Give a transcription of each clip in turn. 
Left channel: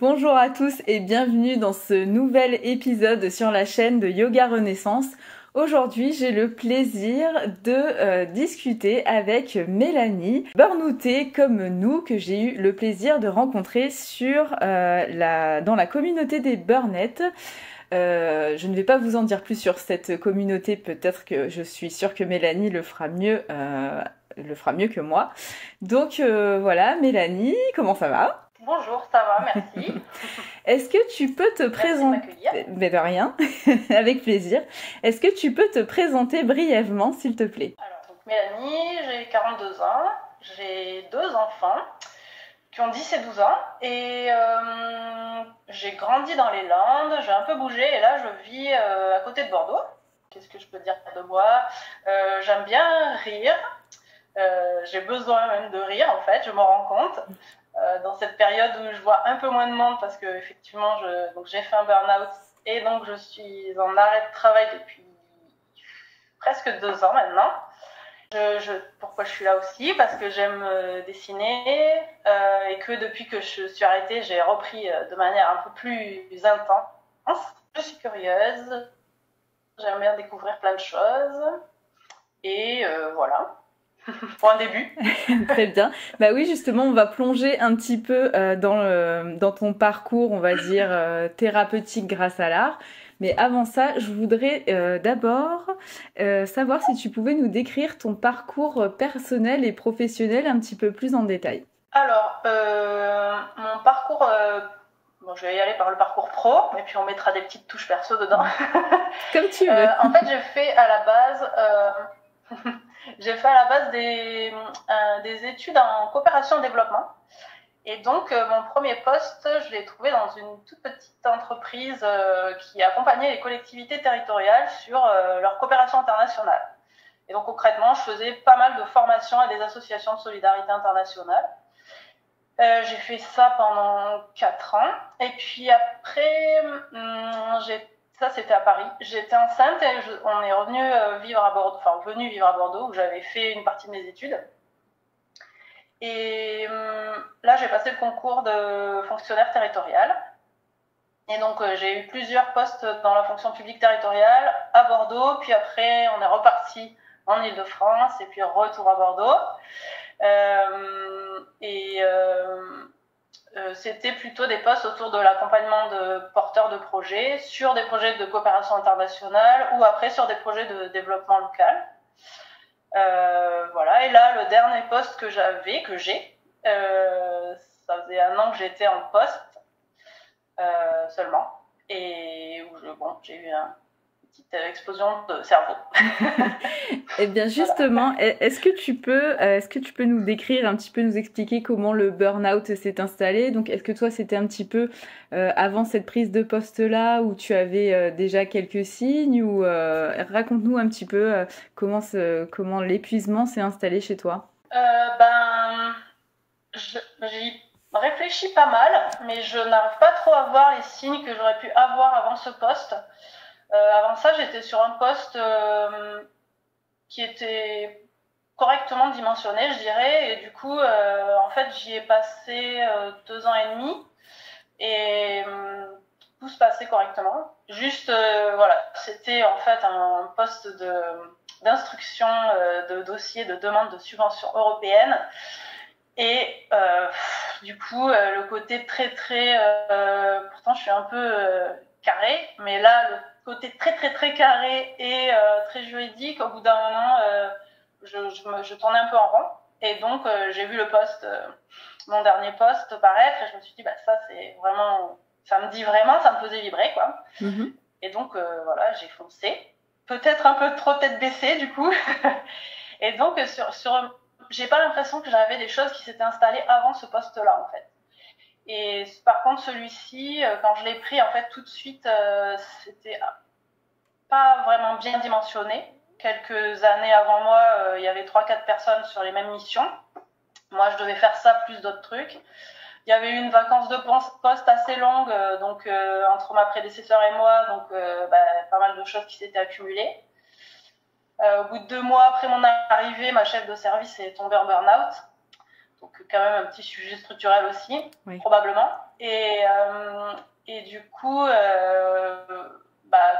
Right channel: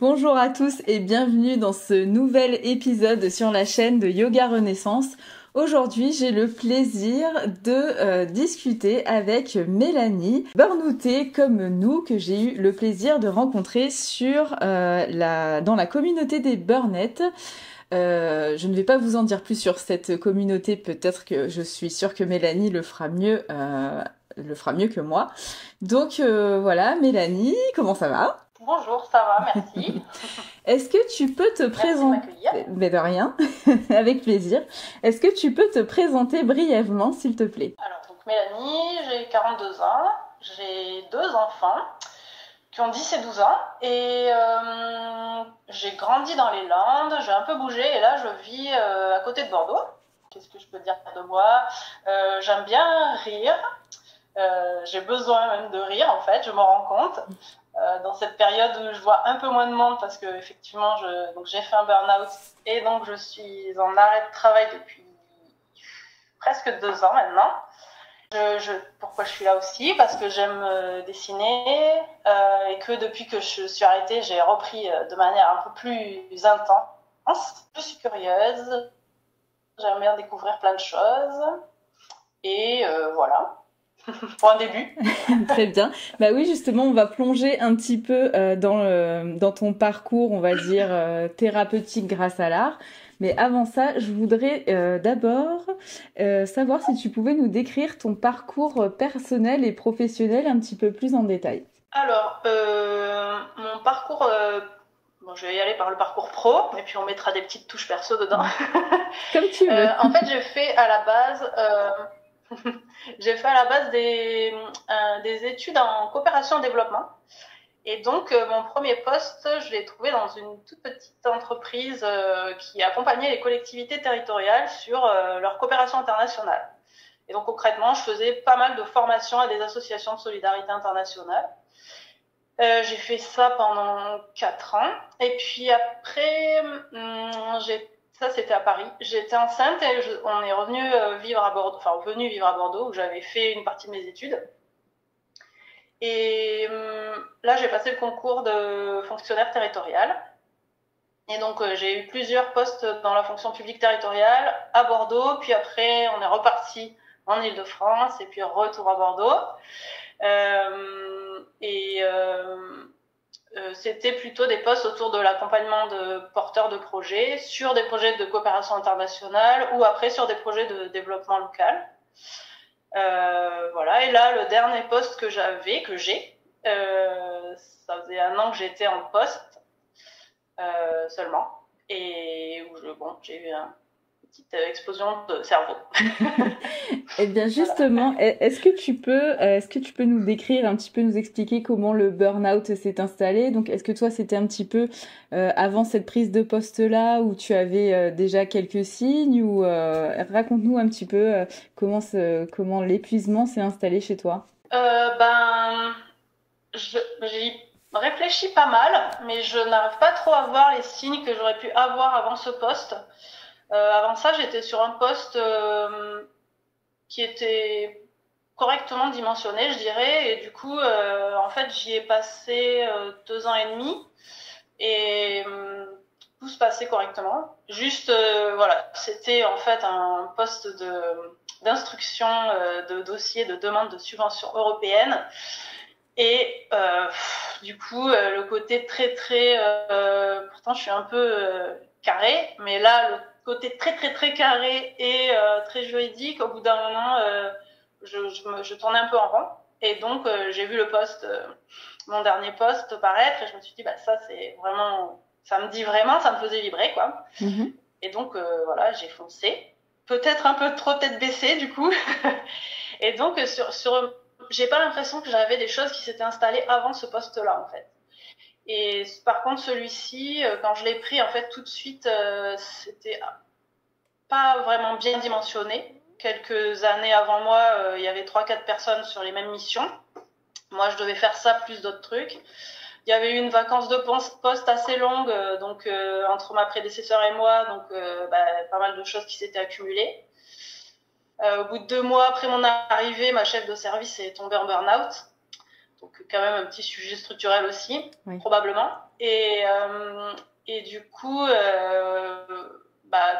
Bonjour à tous et bienvenue dans ce nouvel épisode sur la chaîne de Yoga Renaissance. Aujourd'hui, j'ai le plaisir de discuter avec Mélanie, burnoutée comme nous, que j'ai eu le plaisir de rencontrer dans la communauté des burnettes. Je ne vais pas vous en dire plus sur cette communauté, peut-être que je suis sûre que Mélanie le fera mieux que moi. Donc voilà, Mélanie, comment ça va ? Bonjour, ça va, merci. Est-ce que tu peux te présenter... Mais de rien, avec plaisir. Est-ce que tu peux te présenter brièvement, s'il te plaît? Alors, donc Mélanie, j'ai 42 ans, j'ai 2 enfants qui ont 10 et 12 ans et j'ai grandi dans les Landes, j'ai un peu bougé et là je vis à côté de Bordeaux. Qu'est-ce que je peux dire de moi? J'aime bien rire, j'ai besoin même de rire en fait, je m'en rends compte. Dans cette période où je vois un peu moins de monde parce que effectivement j'ai fait un burn-out et donc je suis en arrêt de travail depuis presque 2 ans maintenant. Pourquoi je suis là aussi? Parce que j'aime dessiner et que depuis que je suis arrêtée, j'ai repris de manière un peu plus intense. Je suis curieuse, j'aime bien découvrir plein de choses et voilà. Pour un début. Très bien. Bah oui, justement, on va plonger un petit peu dans ton parcours, on va dire, thérapeutique grâce à l'art. Mais avant ça, je voudrais d'abord savoir si tu pouvais nous décrire ton parcours personnel et professionnel un petit peu plus en détail. Alors, mon parcours... Bon, je vais y aller par le parcours pro, et puis on mettra des petites touches perso dedans. Comme tu veux. En fait, j'ai fait à la base des études en coopération et développement. Et donc, mon premier poste, je l'ai trouvé dans une toute petite entreprise qui accompagnait les collectivités territoriales sur leur coopération internationale. Et donc, concrètement, je faisais pas mal de formations à des associations de solidarité internationale. J'ai fait ça pendant 4 ans. Et puis après, ça c'était à Paris. J'étais enceinte et on est revenu vivre à Bordeaux, où j'avais fait une partie de mes études. Et là, j'ai passé le concours de fonctionnaire territorial. Et donc, j'ai eu plusieurs postes dans la fonction publique territoriale à Bordeaux. Puis après, on est reparti en Île-de-France et puis retour à Bordeaux. C'était plutôt des postes autour de l'accompagnement de porteurs de projets sur des projets de coopération internationale ou après sur des projets de développement local. Voilà. Et là, le dernier poste que j'ai, ça faisait 1 an que j'étais en poste seulement et où j'ai eu une petite explosion de cerveau. Eh bien justement, voilà. Est-ce que tu peux nous décrire un petit peu, nous expliquer comment le burn-out s'est installé? Donc est-ce que toi c'était un petit peu avant cette prise de poste-là où tu avais déjà quelques signes ou raconte-nous un petit peu comment l'épuisement s'est installé chez toi? J'y réfléchis pas mal, mais je n'arrive pas trop à voir les signes que j'aurais pu avoir avant ce poste. Avant ça, j'étais sur un poste qui était correctement dimensionné, je dirais, et du coup, en fait, j'y ai passé 2 ans et demi, et tout se passait correctement. Juste, voilà, c'était en fait un poste d'instruction de dossier de demande de subvention européenne. Et du coup, le côté très pourtant je suis un peu carré, mais là, le côté très carré et très juridique, au bout d'un moment, je tournais un peu en rond. Et donc, j'ai vu mon dernier poste paraître, et je me suis dit, ça c'est vraiment, ça me dit vraiment, ça me faisait vibrer, quoi. Mm-hmm. Et donc, voilà, j'ai foncé. Peut-être un peu trop tête baissée, du coup. Et donc, j'ai pas l'impression que j'avais des choses qui s'étaient installées avant ce poste-là, en fait. Et par contre, celui-ci, quand je l'ai pris, en fait, tout de suite, c'était pas vraiment bien dimensionné. Quelques années avant moi, il y avait 3-4 personnes sur les mêmes missions. Moi, je devais faire ça plus d'autres trucs. Il y avait eu une vacance de poste assez longue, donc entre ma prédécesseur et moi, donc pas mal de choses qui s'étaient accumulées. Au bout de 2 mois après mon arrivée, ma chef de service est tombée en burn-out. Donc quand même un petit sujet structurel aussi, oui. Probablement. Et du coup,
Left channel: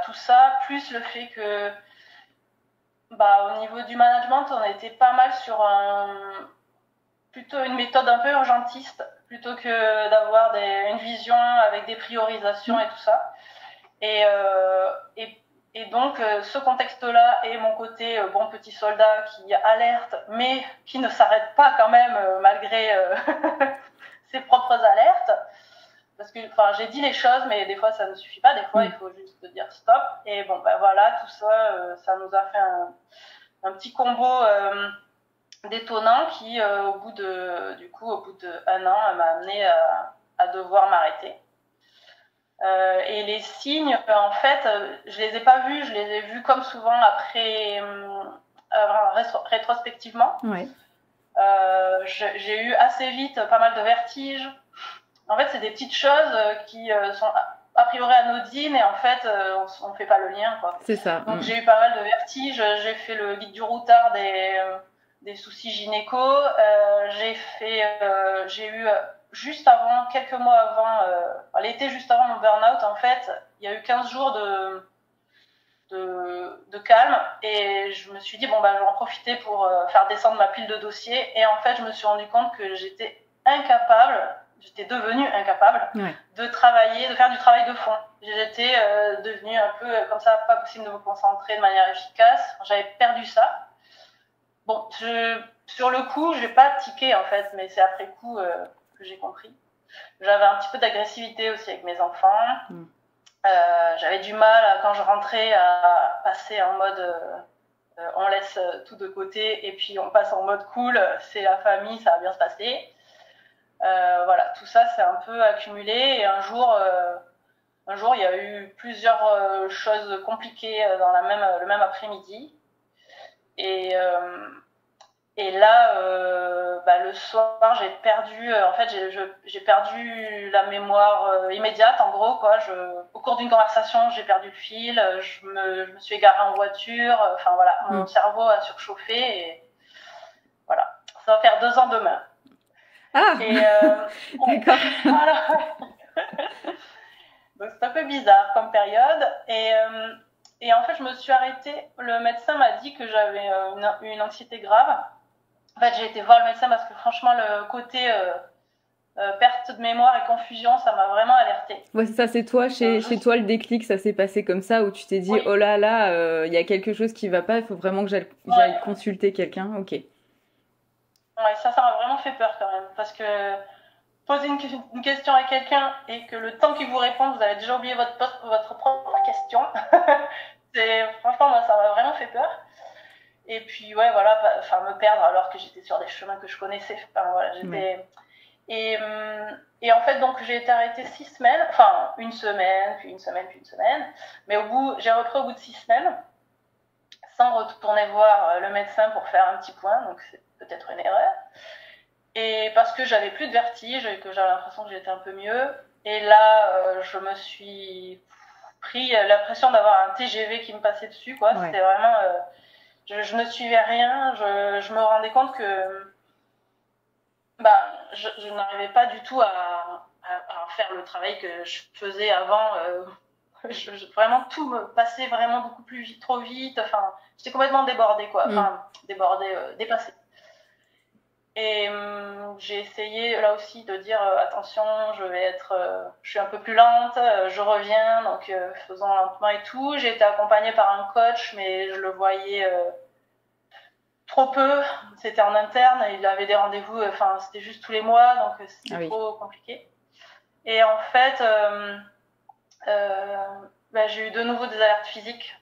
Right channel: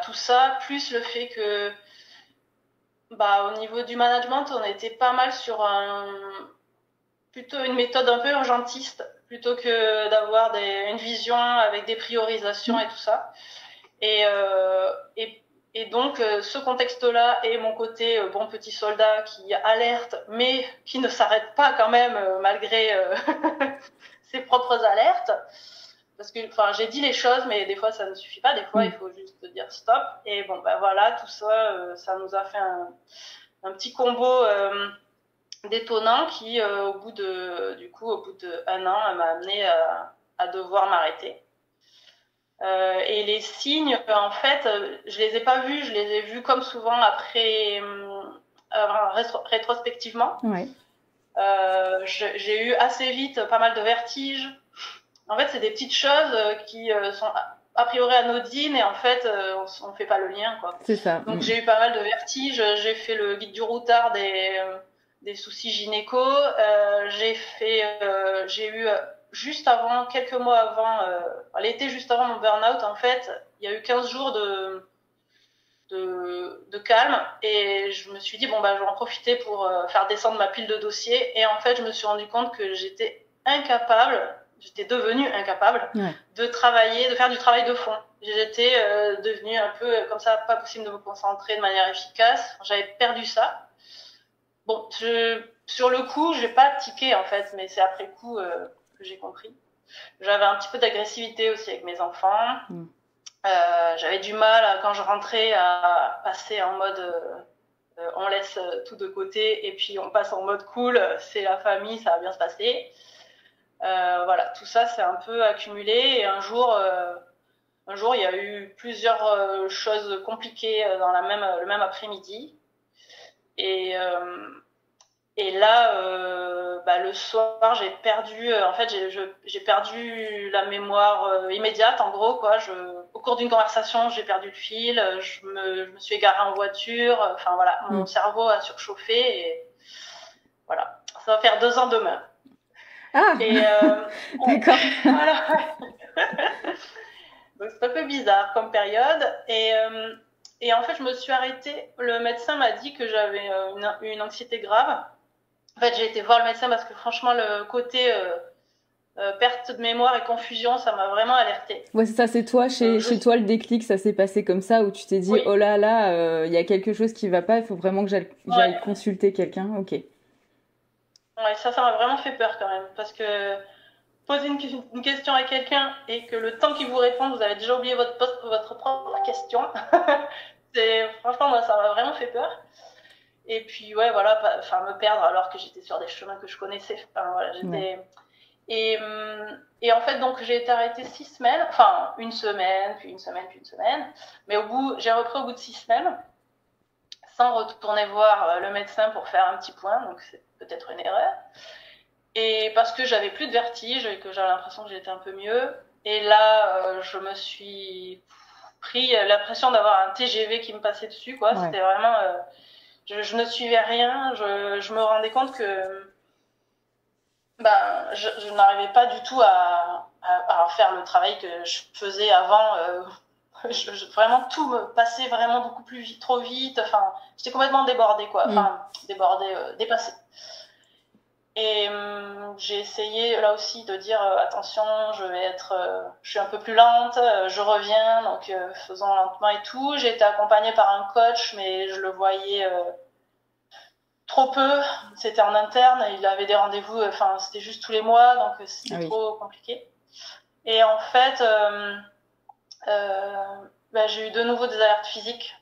tout ça, plus le fait que au niveau du management, on était pas mal sur plutôt une méthode un peu urgentiste, plutôt que d'avoir une vision avec des priorisations et tout ça. Et donc, ce contexte-là et mon côté bon petit soldat qui alerte, mais qui ne s'arrête pas quand même malgré ses propres alertes. Parce que j'ai dit les choses, mais des fois, ça ne suffit pas. Des fois, il faut juste dire stop. Et bon, voilà, tout ça, ça nous a fait un petit combo détonnant qui, au bout d'1 an, m'a amené à devoir m'arrêter. Et les signes, en fait, je les ai pas vus, je les ai vus comme souvent après, rétrospectivement. Ouais. J'ai eu assez vite pas mal de vertiges. En fait, c'est des petites choses qui sont a priori anodines et en fait, on fait pas le lien, quoi. C'est ça. Donc j'ai eu pas mal de vertiges. J'ai fait le guide du routard des soucis gynéco. J'ai eu juste avant, quelques mois avant, l'été juste avant mon burn-out, en fait, il y a eu 15 jours de calme et je me suis dit, je vais en profiter pour faire descendre ma pile de dossiers. Et en fait, je me suis rendu compte que j'étais devenue incapable de travailler, de faire du travail de fond. J'étais devenue un peu comme ça, pas possible de me concentrer de manière efficace. J'avais perdu ça. Bon, sur le coup, j'ai pas tiqué en fait, mais c'est après coup que j'ai compris. J'avais un petit peu d'agressivité aussi avec mes enfants. J'avais du mal quand je rentrais à passer en mode on laisse tout de côté et puis on passe en mode cool, c'est la famille, ça va bien se passer. Voilà, tout ça c'est un peu accumulé et un jour il y a eu plusieurs choses compliquées dans le même après-midi et là le soir j'ai perdu j'ai perdu la mémoire immédiate en gros quoi. Au cours d'une conversation j'ai perdu le fil, je me suis égarée en voiture, enfin voilà, mon cerveau a surchauffé et voilà, ça va faire 2 ans demain. Ah, d'accord. Voilà. Donc c'est un peu bizarre comme période et en fait je me suis arrêtée. Le médecin m'a dit que j'avais une anxiété grave. En fait j'ai été voir le médecin parce que franchement le côté perte de mémoire et confusion ça m'a vraiment alertée. Ouais, c'est ça, c'est toi, chez toi le déclic, ça s'est passé comme ça où tu t'es dit oh là là, y a quelque chose qui va pas, il faut vraiment que j'aille consulter quelqu'un. Ok. Ouais, ça m'a vraiment fait peur quand même parce que poser une question à quelqu'un et que le temps qu'il vous répond, vous avez déjà oublié votre propre question. Franchement, moi, ça m'a vraiment fait peur. Et puis, me perdre alors que j'étais sur des chemins que je connaissais. Enfin, voilà, et en fait, donc, j'ai été arrêtée 6 semaines, enfin, 1 semaine, puis 1 semaine, puis 1 semaine. Mais j'ai repris au bout de 6 semaines, sans retourner voir le médecin pour faire un petit point, donc c'est peut-être une erreur. Et parce que j'avais plus de vertige et que j'avais l'impression que j'étais un peu mieux. Et là, je me suis pris l'impression d'avoir un TGV qui me passait dessus, quoi. Ouais. C'était vraiment... je ne suivais rien. Je me rendais compte que je n'arrivais pas du tout à faire le travail que je faisais avant. Vraiment, tout me passait vraiment beaucoup plus vite, trop vite. Enfin, j'étais complètement débordée, quoi. Enfin, débordée, dépassée. Et j'ai essayé là aussi de dire attention, je suis un peu plus lente, je reviens, donc faisons lentement et tout. J'ai été accompagnée par un coach, mais je le voyais trop peu. C'était en interne, il avait des rendez-vous, c'était juste tous les mois, donc c'était trop compliqué. Et en fait, j'ai eu de nouveau des alertes physiques.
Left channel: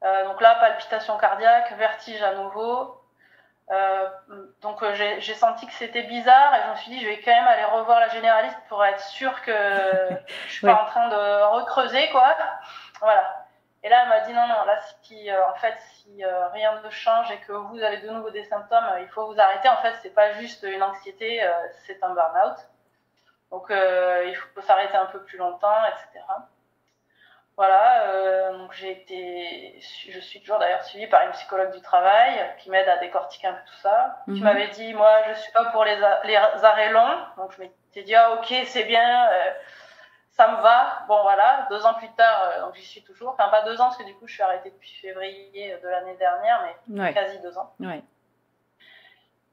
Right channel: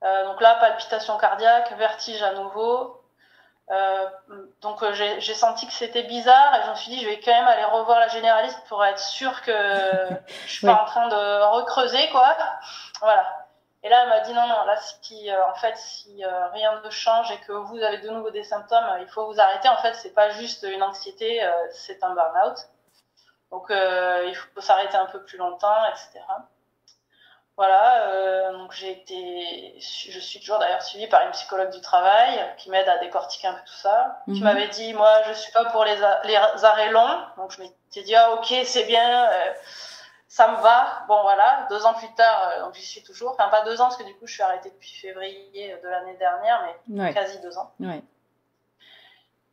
Donc là, palpitations cardiaques, vertige à nouveau. Donc j'ai senti que c'était bizarre et je me suis dit je vais quand même aller revoir la généraliste pour être sûre que je suis pas en train de recreuser quoi. Voilà. Et là elle m'a dit non là si rien ne change et que vous avez de nouveau des symptômes, il faut vous arrêter. En fait c'est pas juste une anxiété, c'est un burn-out. Donc il faut s'arrêter un peu plus longtemps, etc. Voilà, donc je suis toujours d'ailleurs suivie par une psychologue du travail qui m'aide à décortiquer un peu tout ça, qui m'avait dit, moi, je suis pas pour les arrêts longs, donc je m'étais dit, ah ok, c'est bien, ça me va. Bon voilà, 2 ans plus tard, donc j'y suis toujours, enfin pas 2 ans, parce que du coup je suis arrêtée depuis février de l'année dernière, mais quasi 2 ans. Ouais.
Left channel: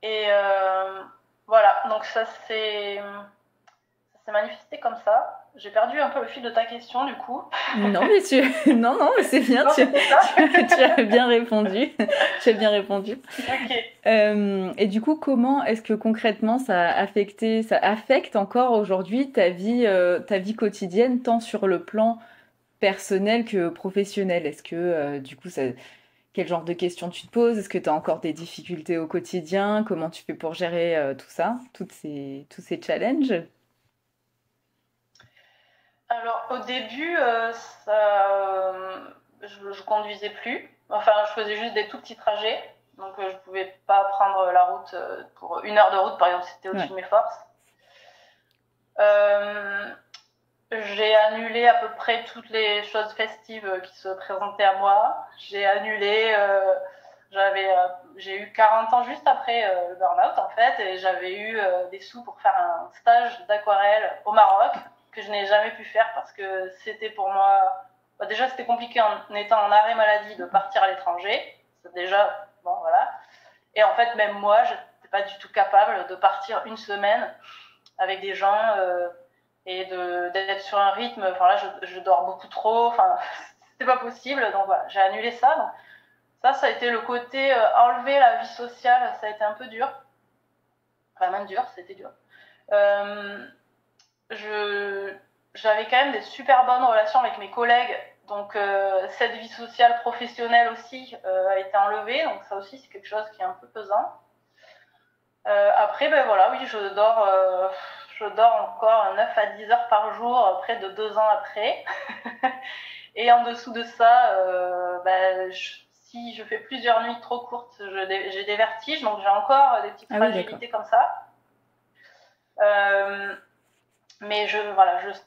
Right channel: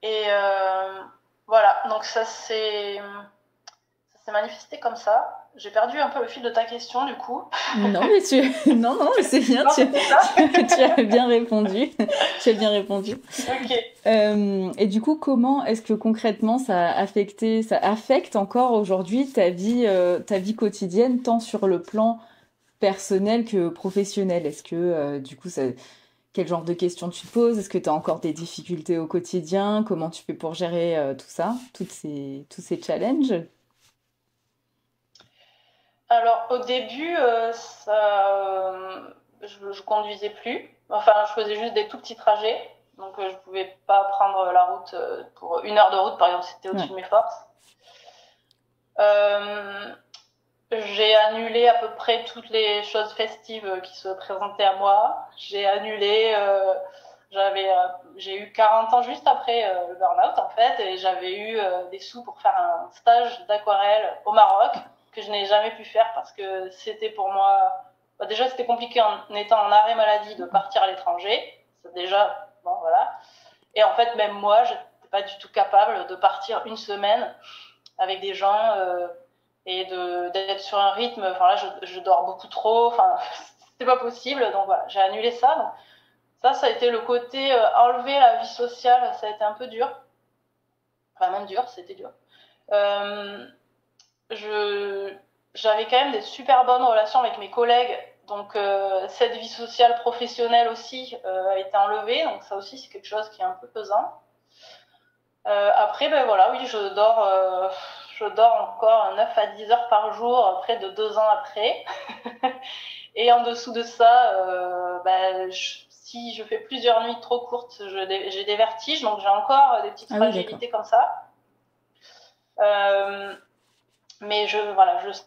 Et voilà, donc ça s'est manifesté comme ça. J'ai perdu un peu le fil de ta question, du coup. Non, mais non, c'est bien. Non, tu as bien répondu. Tu as bien répondu. Ok. Et du coup, comment est-ce que concrètement ça affecte encore aujourd'hui ta vie quotidienne, tant sur le plan personnel que professionnel? Est-ce que du coup, quel genre de questions tu te poses? Est-ce que tu as encore des difficultés au quotidien? Comment tu fais pour gérer tout ça, tous ces challenges? Alors au début, je conduisais plus. Enfin, je faisais juste des tout petits trajets. Donc je pouvais pas prendre la route pour 1 heure de route, par exemple, c'était au-dessus de mes forces. J'ai annulé à peu près toutes les choses festives qui se présentaient à moi. J'ai annulé, j'ai eu 40 ans juste après le burn-out en fait, et j'avais eu des sous pour faire un stage d'aquarelle au Maroc que je n'ai jamais pu faire parce que c'était pour moi, déjà c'était compliqué en étant en arrêt maladie de partir à l'étranger. C'est déjà, bon voilà. Et en fait même moi, je n'étais pas du tout capable de partir 1 semaine avec des gens et d'être sur un rythme. Enfin là, je dors beaucoup trop. Enfin, c'était pas possible. Donc voilà, j'ai annulé ça. Donc, ça a été le côté enlever la vie sociale. Ça a été un peu dur. Enfin même dur, c'était dur. J'avais quand même des super bonnes relations avec mes collègues. Donc cette vie sociale professionnelle aussi a été enlevée. Donc ça aussi, c'est quelque chose qui est un peu pesant. Après, ben voilà, oui, je dors encore 9 à 10 heures par jour, près de 2 ans après. Et en dessous de ça, si je fais plusieurs nuits trop courtes, j'ai des vertiges, donc j'ai encore des petites fragilités comme ça. Mais je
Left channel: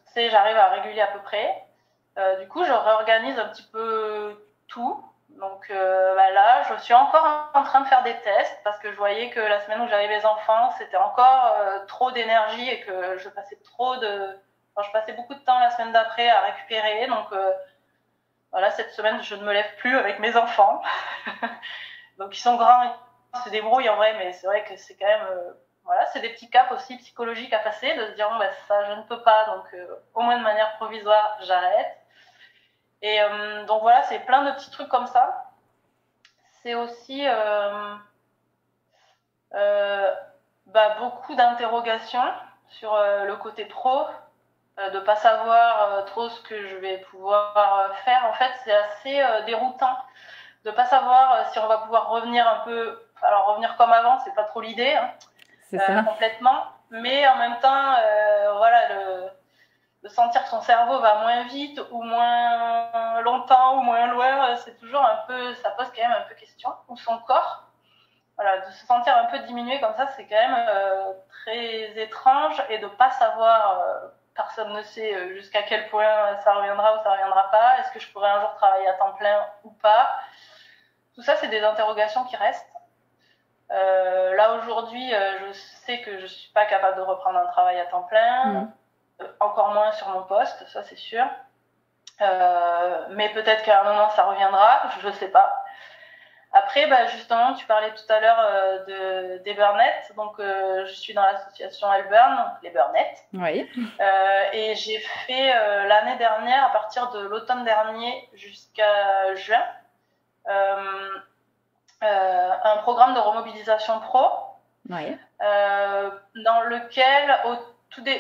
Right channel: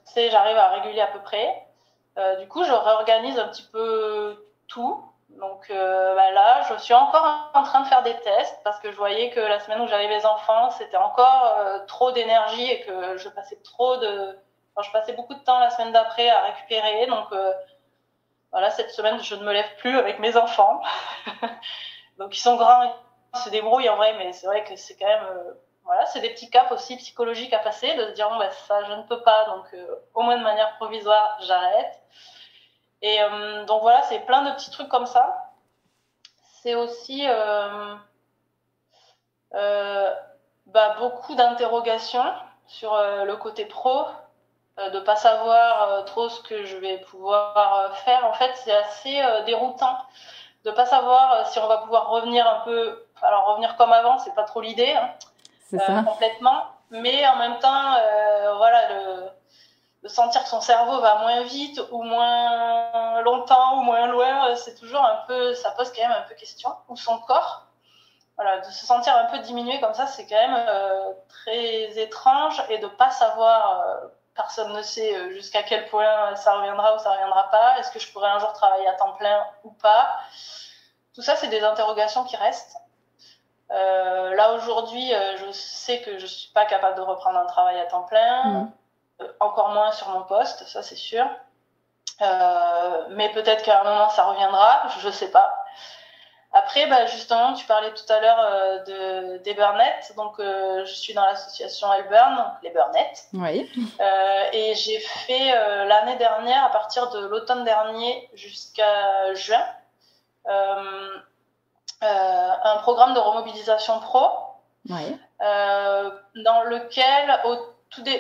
sais, j'arrive à réguler à peu près. Du coup, je réorganise un petit peu tout. Donc là, je suis encore en train de faire des tests parce que je voyais que la semaine où j'avais mes enfants, c'était encore trop d'énergie et que je passais je passais beaucoup de temps la semaine d'après à récupérer. Donc voilà, cette semaine, je ne me lève plus avec mes enfants. Donc ils sont grands, ils se débrouillent en vrai, mais c'est vrai que c'est quand même... voilà, c'est des petits caps aussi psychologiques à passer, de se dire bon, ça je ne peux pas, donc au moins de manière provisoire, j'arrête. Et donc voilà, c'est plein de petits trucs comme ça. C'est aussi beaucoup d'interrogations sur le côté pro, de pas savoir trop ce que je vais pouvoir faire. En fait, c'est assez déroutant de pas savoir si on va pouvoir revenir un peu. Alors revenir comme avant, c'est pas trop l'idée, hein, c'est ça. Complètement. Mais en même temps, voilà, de sentir que son cerveau va moins vite ou moins longtemps ou moins loin, c'est toujours un peu, ça pose quand même un peu question. Ou son corps, voilà, de se sentir un peu diminué comme ça, c'est quand même très étrange, et de pas savoir, personne ne sait jusqu'à quel point ça reviendra ou ça reviendra pas. Est-ce que je pourrais un jour travailler à temps plein ou pas? Tout ça, c'est des interrogations qui restent. Là aujourd'hui, je sais que je suis pas capable de reprendre un travail à temps plein. Encore moins sur mon poste, ça c'est sûr. Mais peut-être qu'à un moment ça reviendra, je sais pas. Après, justement, tu parlais tout à l'heure des burn-out. Donc, je suis dans l'association Elburn, donc les burn-out. Oui. Et j'ai fait l'année dernière, à partir de l'automne dernier jusqu'à juin, un programme de remobilisation pro. Oui. Dans lequel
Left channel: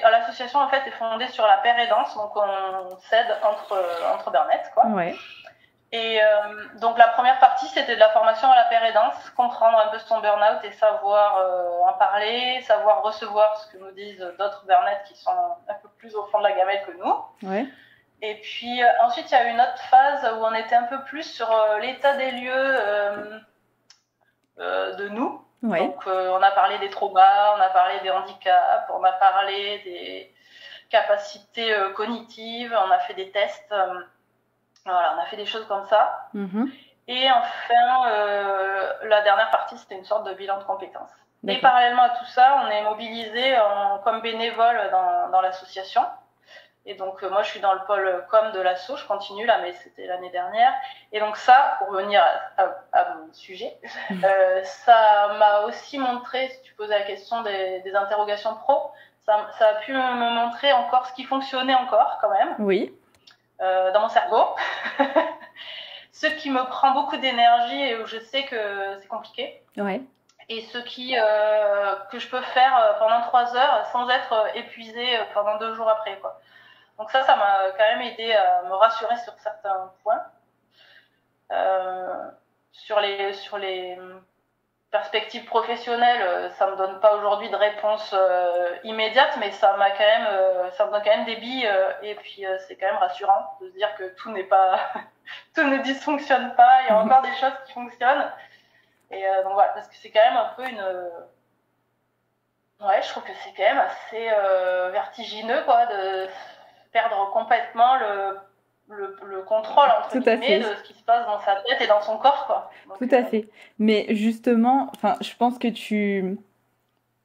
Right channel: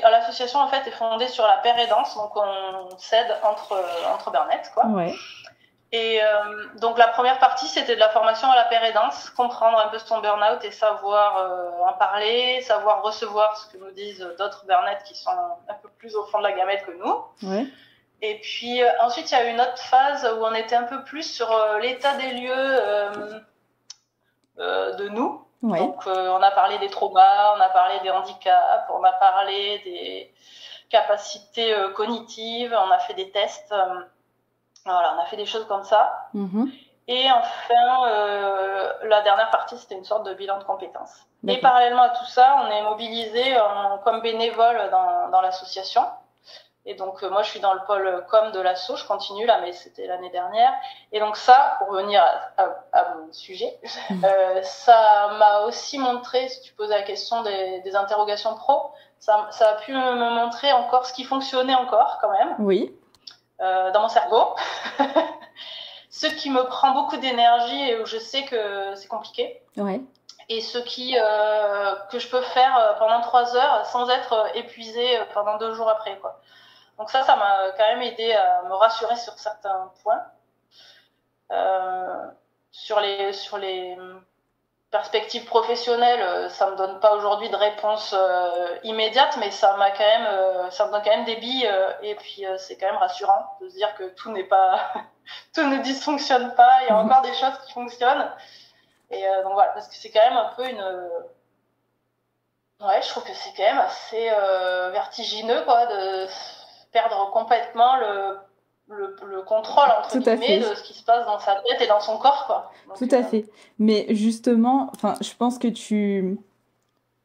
l'association en fait est fondée sur la paire aidance, donc on s'aide entre burn-out, quoi. Ouais. Et donc la première partie, c'était de la formation à la paire aidance, comprendre un peu son burn-out et savoir en parler, savoir recevoir ce que nous disent d'autres burn-out qui sont un peu plus au fond de la gamelle que nous. Ouais. Et puis ensuite, il y a eu une autre phase où on était un peu plus sur l'état des lieux de nous. Ouais. Donc, on a parlé des traumas, on a parlé des handicaps, on a parlé des capacités cognitives, on a fait des tests. Voilà, on a fait des choses comme ça. Et enfin, la dernière partie, c'était une sorte de bilan de compétences. Et parallèlement à tout ça, on est mobilisé comme bénévole dans l'association. Et donc, moi, je suis dans le pôle com de l'asso, je continue là, mais c'était l'année dernière. Et donc ça, pour revenir à mon sujet, ça m'a aussi montré, si tu poses la question des interrogations pro, ça a pu me montrer encore ce qui fonctionnait encore, quand même. Oui. Dans mon cerveau. Ce qui me prend beaucoup d'énergie et où je sais que c'est compliqué. Ouais. Et ce que je peux faire pendant 3 heures sans être épuisée pendant 2 jours après, quoi. Donc ça m'a quand même aidé à me rassurer sur certains points. Sur les perspectives professionnelles, ça me donne pas aujourd'hui de réponse immédiate, mais ça me donne quand même des billes, et puis c'est quand même rassurant de se dire que tout ne dysfonctionne pas, il y a encore des choses qui fonctionnent. Et donc voilà, parce que c'est quand même un peu ouais, je trouve que c'est quand même assez vertigineux, quoi, de perdre complètement le contrôle, entre guillemets, de ce qui se passe dans sa tête et dans son corps, quoi. Donc, tout à fait. Mais justement, je pense que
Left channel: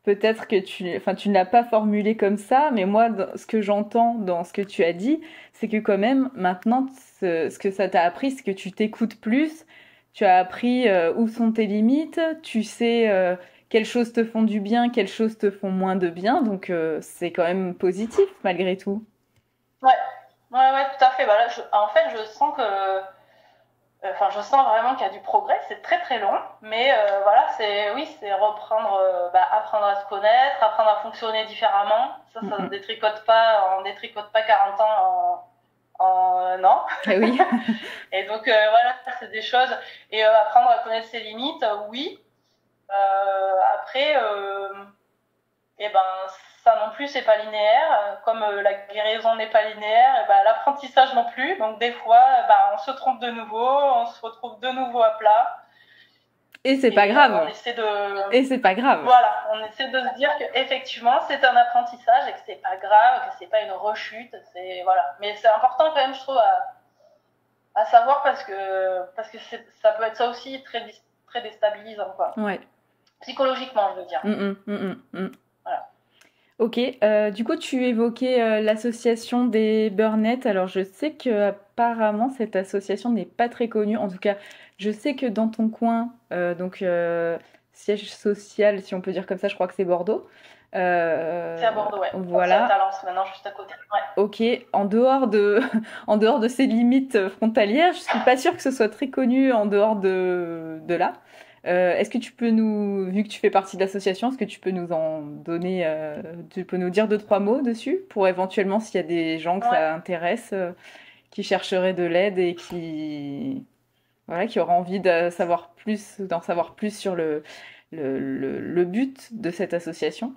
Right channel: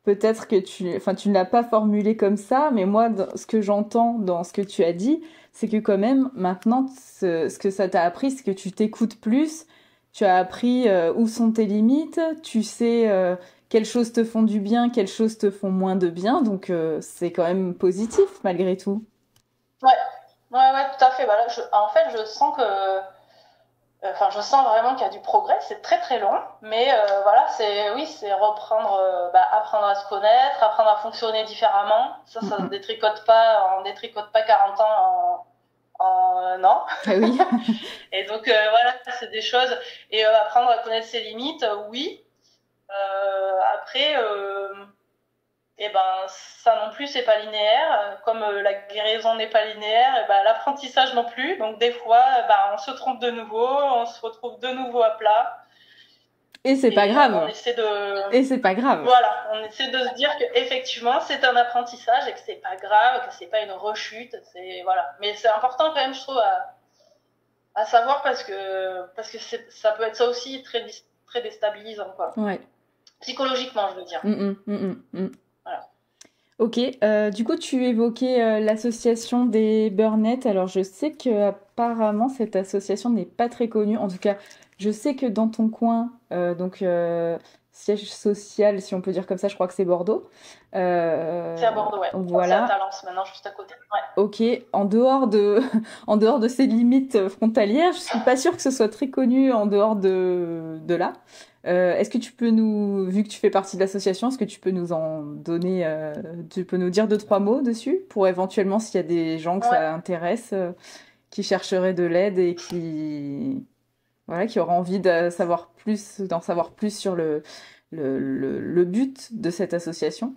peut-être que tu ne l'as pas formulé comme ça, mais moi, ce que j'entends dans ce que tu as dit, c'est que quand même, maintenant, ce que ça t'a appris, c'est que tu t'écoutes plus, tu as appris où sont tes limites, tu sais quelles choses te font du bien, quelles choses te font moins de bien, donc c'est quand même positif, malgré tout. Ouais, tout à fait. Bah là, en fait, je sens je sens vraiment qu'il y a du progrès. C'est très très long, mais voilà, c'est reprendre, apprendre à se connaître, apprendre à fonctionner différemment. Ça ne détricote pas, on détricote pas 40 ans en un an. Eh oui. Et donc voilà, c'est des choses. Et apprendre à connaître ses limites, oui. Après, et ça non plus, c'est pas linéaire. Comme la guérison n'est pas linéaire, et l'apprentissage non plus. Donc des fois, on se trompe de nouveau, on se retrouve de nouveau à plat. Et c'est pas grave. Et c'est pas grave. Voilà, on essaie de se dire qu'effectivement, c'est un apprentissage et que c'est pas grave, que c'est pas une rechute. Voilà. Mais c'est important quand même, je trouve, à savoir parce que ça peut être ça aussi très, très déstabilisant, quoi. Ouais. Psychologiquement, je veux dire. Voilà. Ok, du coup tu évoquais l'association des Burnettes. Alors je sais que apparemment cette association n'est pas très connue. En tout cas, je sais que dans ton coin, siège social, si on peut dire comme ça, je crois que c'est Bordeaux. C'est à Bordeaux, ouais. Voilà. C'est à Talence maintenant, juste à côté. Ouais. Ok, en dehors de ces limites frontalières, je suis pas sûre que ce soit très connu en dehors de là. Est-ce que tu peux vu que tu fais partie de l'association, est-ce que tu peux nous en donner, tu peux nous dire 2-3 mots dessus pour éventuellement s'il y a des gens que ça intéresse, qui chercheraient de l'aide et qui auraient envie d'en savoir plus sur le but de cette association.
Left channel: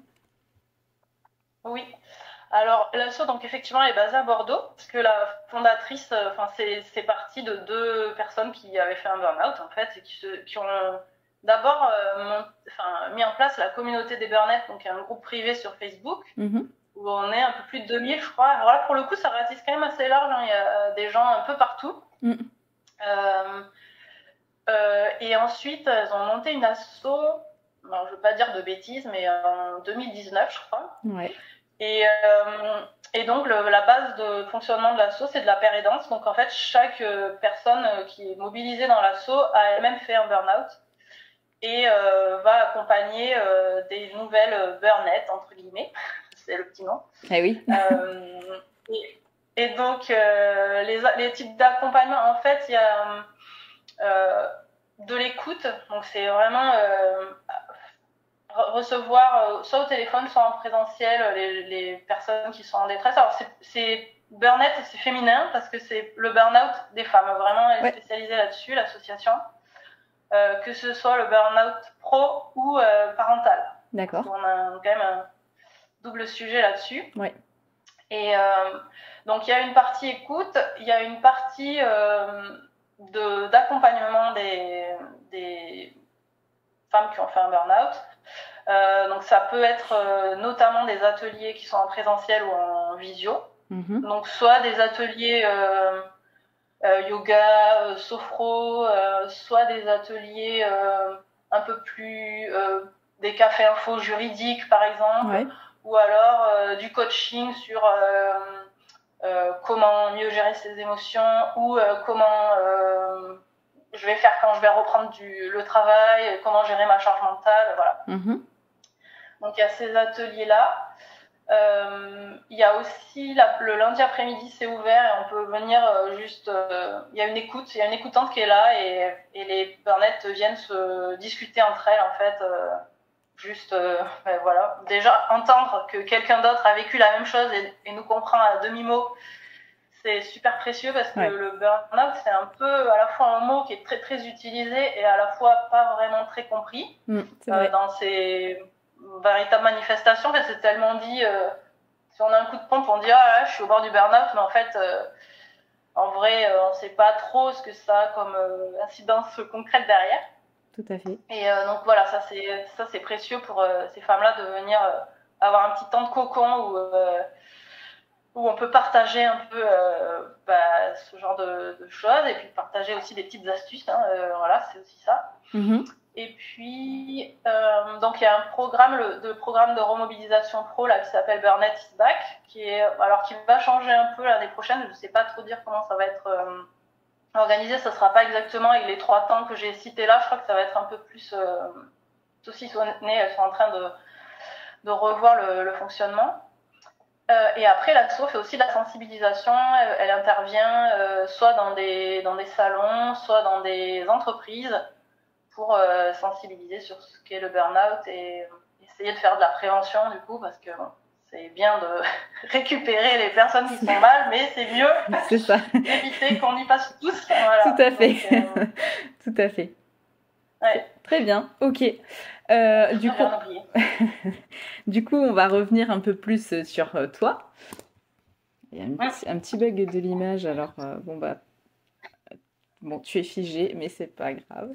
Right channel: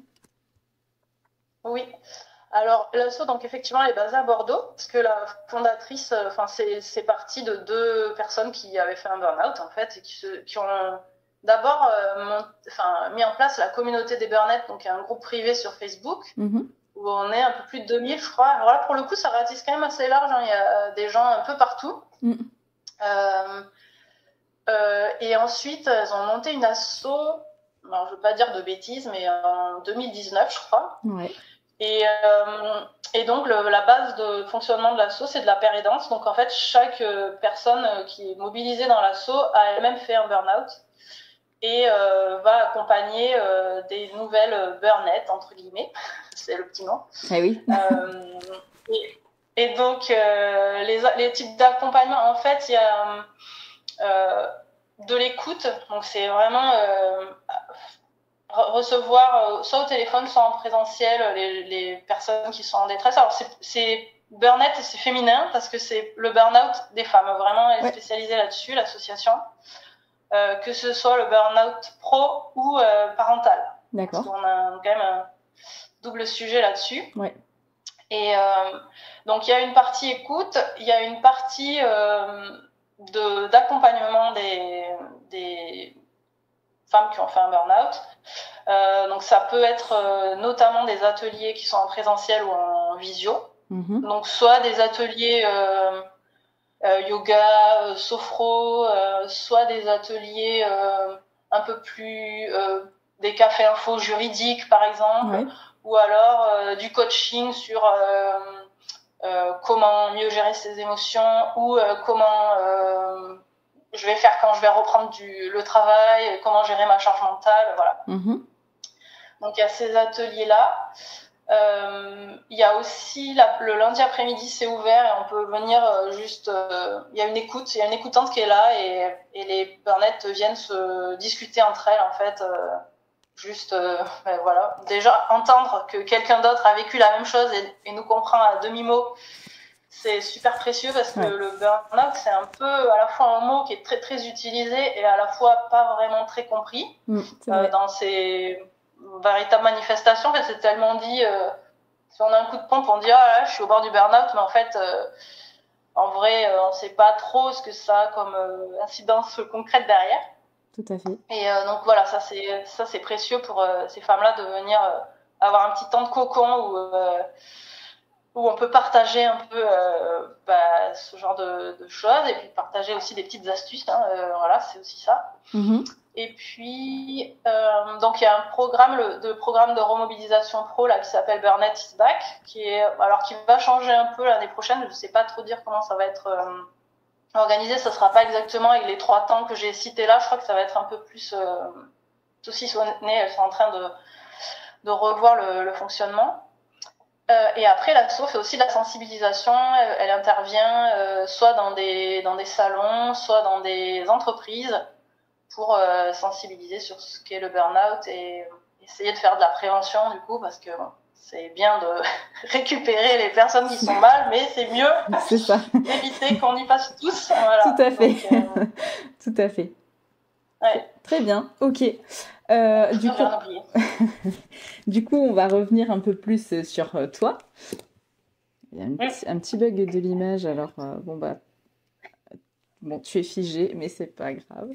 Oui. Alors, l'asso, donc effectivement, elle est basée à Bordeaux, parce que la fondatrice, c'est parti de 2 personnes qui avaient fait un burn-out, en fait, et qui ont d'abord mis en place la communauté des burnettes, donc un groupe privé sur Facebook, où on est un peu plus de 2000, je crois. Alors là, pour le coup, ça ratisse quand même assez large, hein. Il y a des gens un peu partout. Et ensuite, elles ont monté une asso, alors, je ne veux pas dire de bêtises, mais en 2019, je crois. Ouais. Et donc, la base de fonctionnement de l'asso, c'est de la pérédance. Donc, en fait, chaque personne qui est mobilisée dans l'asso a elle-même fait un burn-out et va accompagner des nouvelles burnettes, entre guillemets. C'est le petit nom. Ah oui. Et donc, les types d'accompagnement, en fait, il y a de l'écoute. Donc, c'est vraiment recevoir soit au téléphone, soit en présentiel les personnes qui sont en détresse. Alors, c'est burn-out, c'est féminin parce que c'est le burn-out des femmes. Vraiment, elle est spécialisée là-dessus, l'association. Que ce soit le burn-out pro ou parental. D'accord. Parce qu'on a quand même un double sujet là-dessus. Ouais. Et donc, il y a une partie écoute, il y a une partie d'accompagnement des femmes qui ont fait un burn-out. Donc, ça peut être notamment des ateliers qui sont en présentiel ou en visio. Donc, soit des ateliers yoga, sophro, soit des ateliers un peu plus des cafés info juridiques par exemple, Ouais. ou alors du coaching sur comment mieux gérer ses émotions ou comment je vais faire quand je vais reprendre le travail, comment gérer ma charge mentale, voilà. Donc il y a ces ateliers-là. Il y a aussi le lundi après-midi, c'est ouvert et on peut venir juste. Il y a une écoutante qui est là et les burnettes viennent se discuter entre elles en fait. Juste, ben voilà. Déjà entendre que quelqu'un d'autre a vécu la même chose et nous comprend à demi-mot, c'est super précieux parce que le burn-out, c'est un peu à la fois un mot qui est très très utilisé et à la fois pas vraiment très compris dans ses véritables manifestations. En fait, c'est tellement dit. Si on a un coup de pompe, on dit ah là, je suis au bord du burn-out, mais en fait, en vrai, on sait pas trop ce que ça a comme incidence concrète derrière. Tout à fait. Et donc voilà, ça c'est précieux pour ces femmes-là de venir avoir un petit temps de cocon où on peut partager un peu ce genre de choses et puis partager aussi des petites astuces. Voilà, c'est aussi ça. Et puis, donc il y a un programme de remobilisation pro là, qui s'appelle Burn It Is Back, qui va changer un peu l'année prochaine. Je ne sais pas trop dire comment ça va être organisé. Ça ne sera pas exactement avec les 3 temps que j'ai cités là. Je crois que ça va être un peu plus saucissonné. Elles sont en train de revoir le fonctionnement. Et après, l'asso fait aussi de la sensibilisation. Elle intervient soit dans des salons, soit dans des entreprises pour sensibiliser sur ce qu'est le burn-out et essayer de faire de la prévention du coup, parce que c'est bien de récupérer les personnes qui sont mal, mais c'est mieux d'éviter qu'on y passe tous. Voilà. Tout à fait. Donc, tout à fait. Ouais. Très bien, ok. Du coup, on va revenir un peu plus sur toi. Il y a un petit bug de l'image, alors bon, tu es figé, mais c'est pas grave.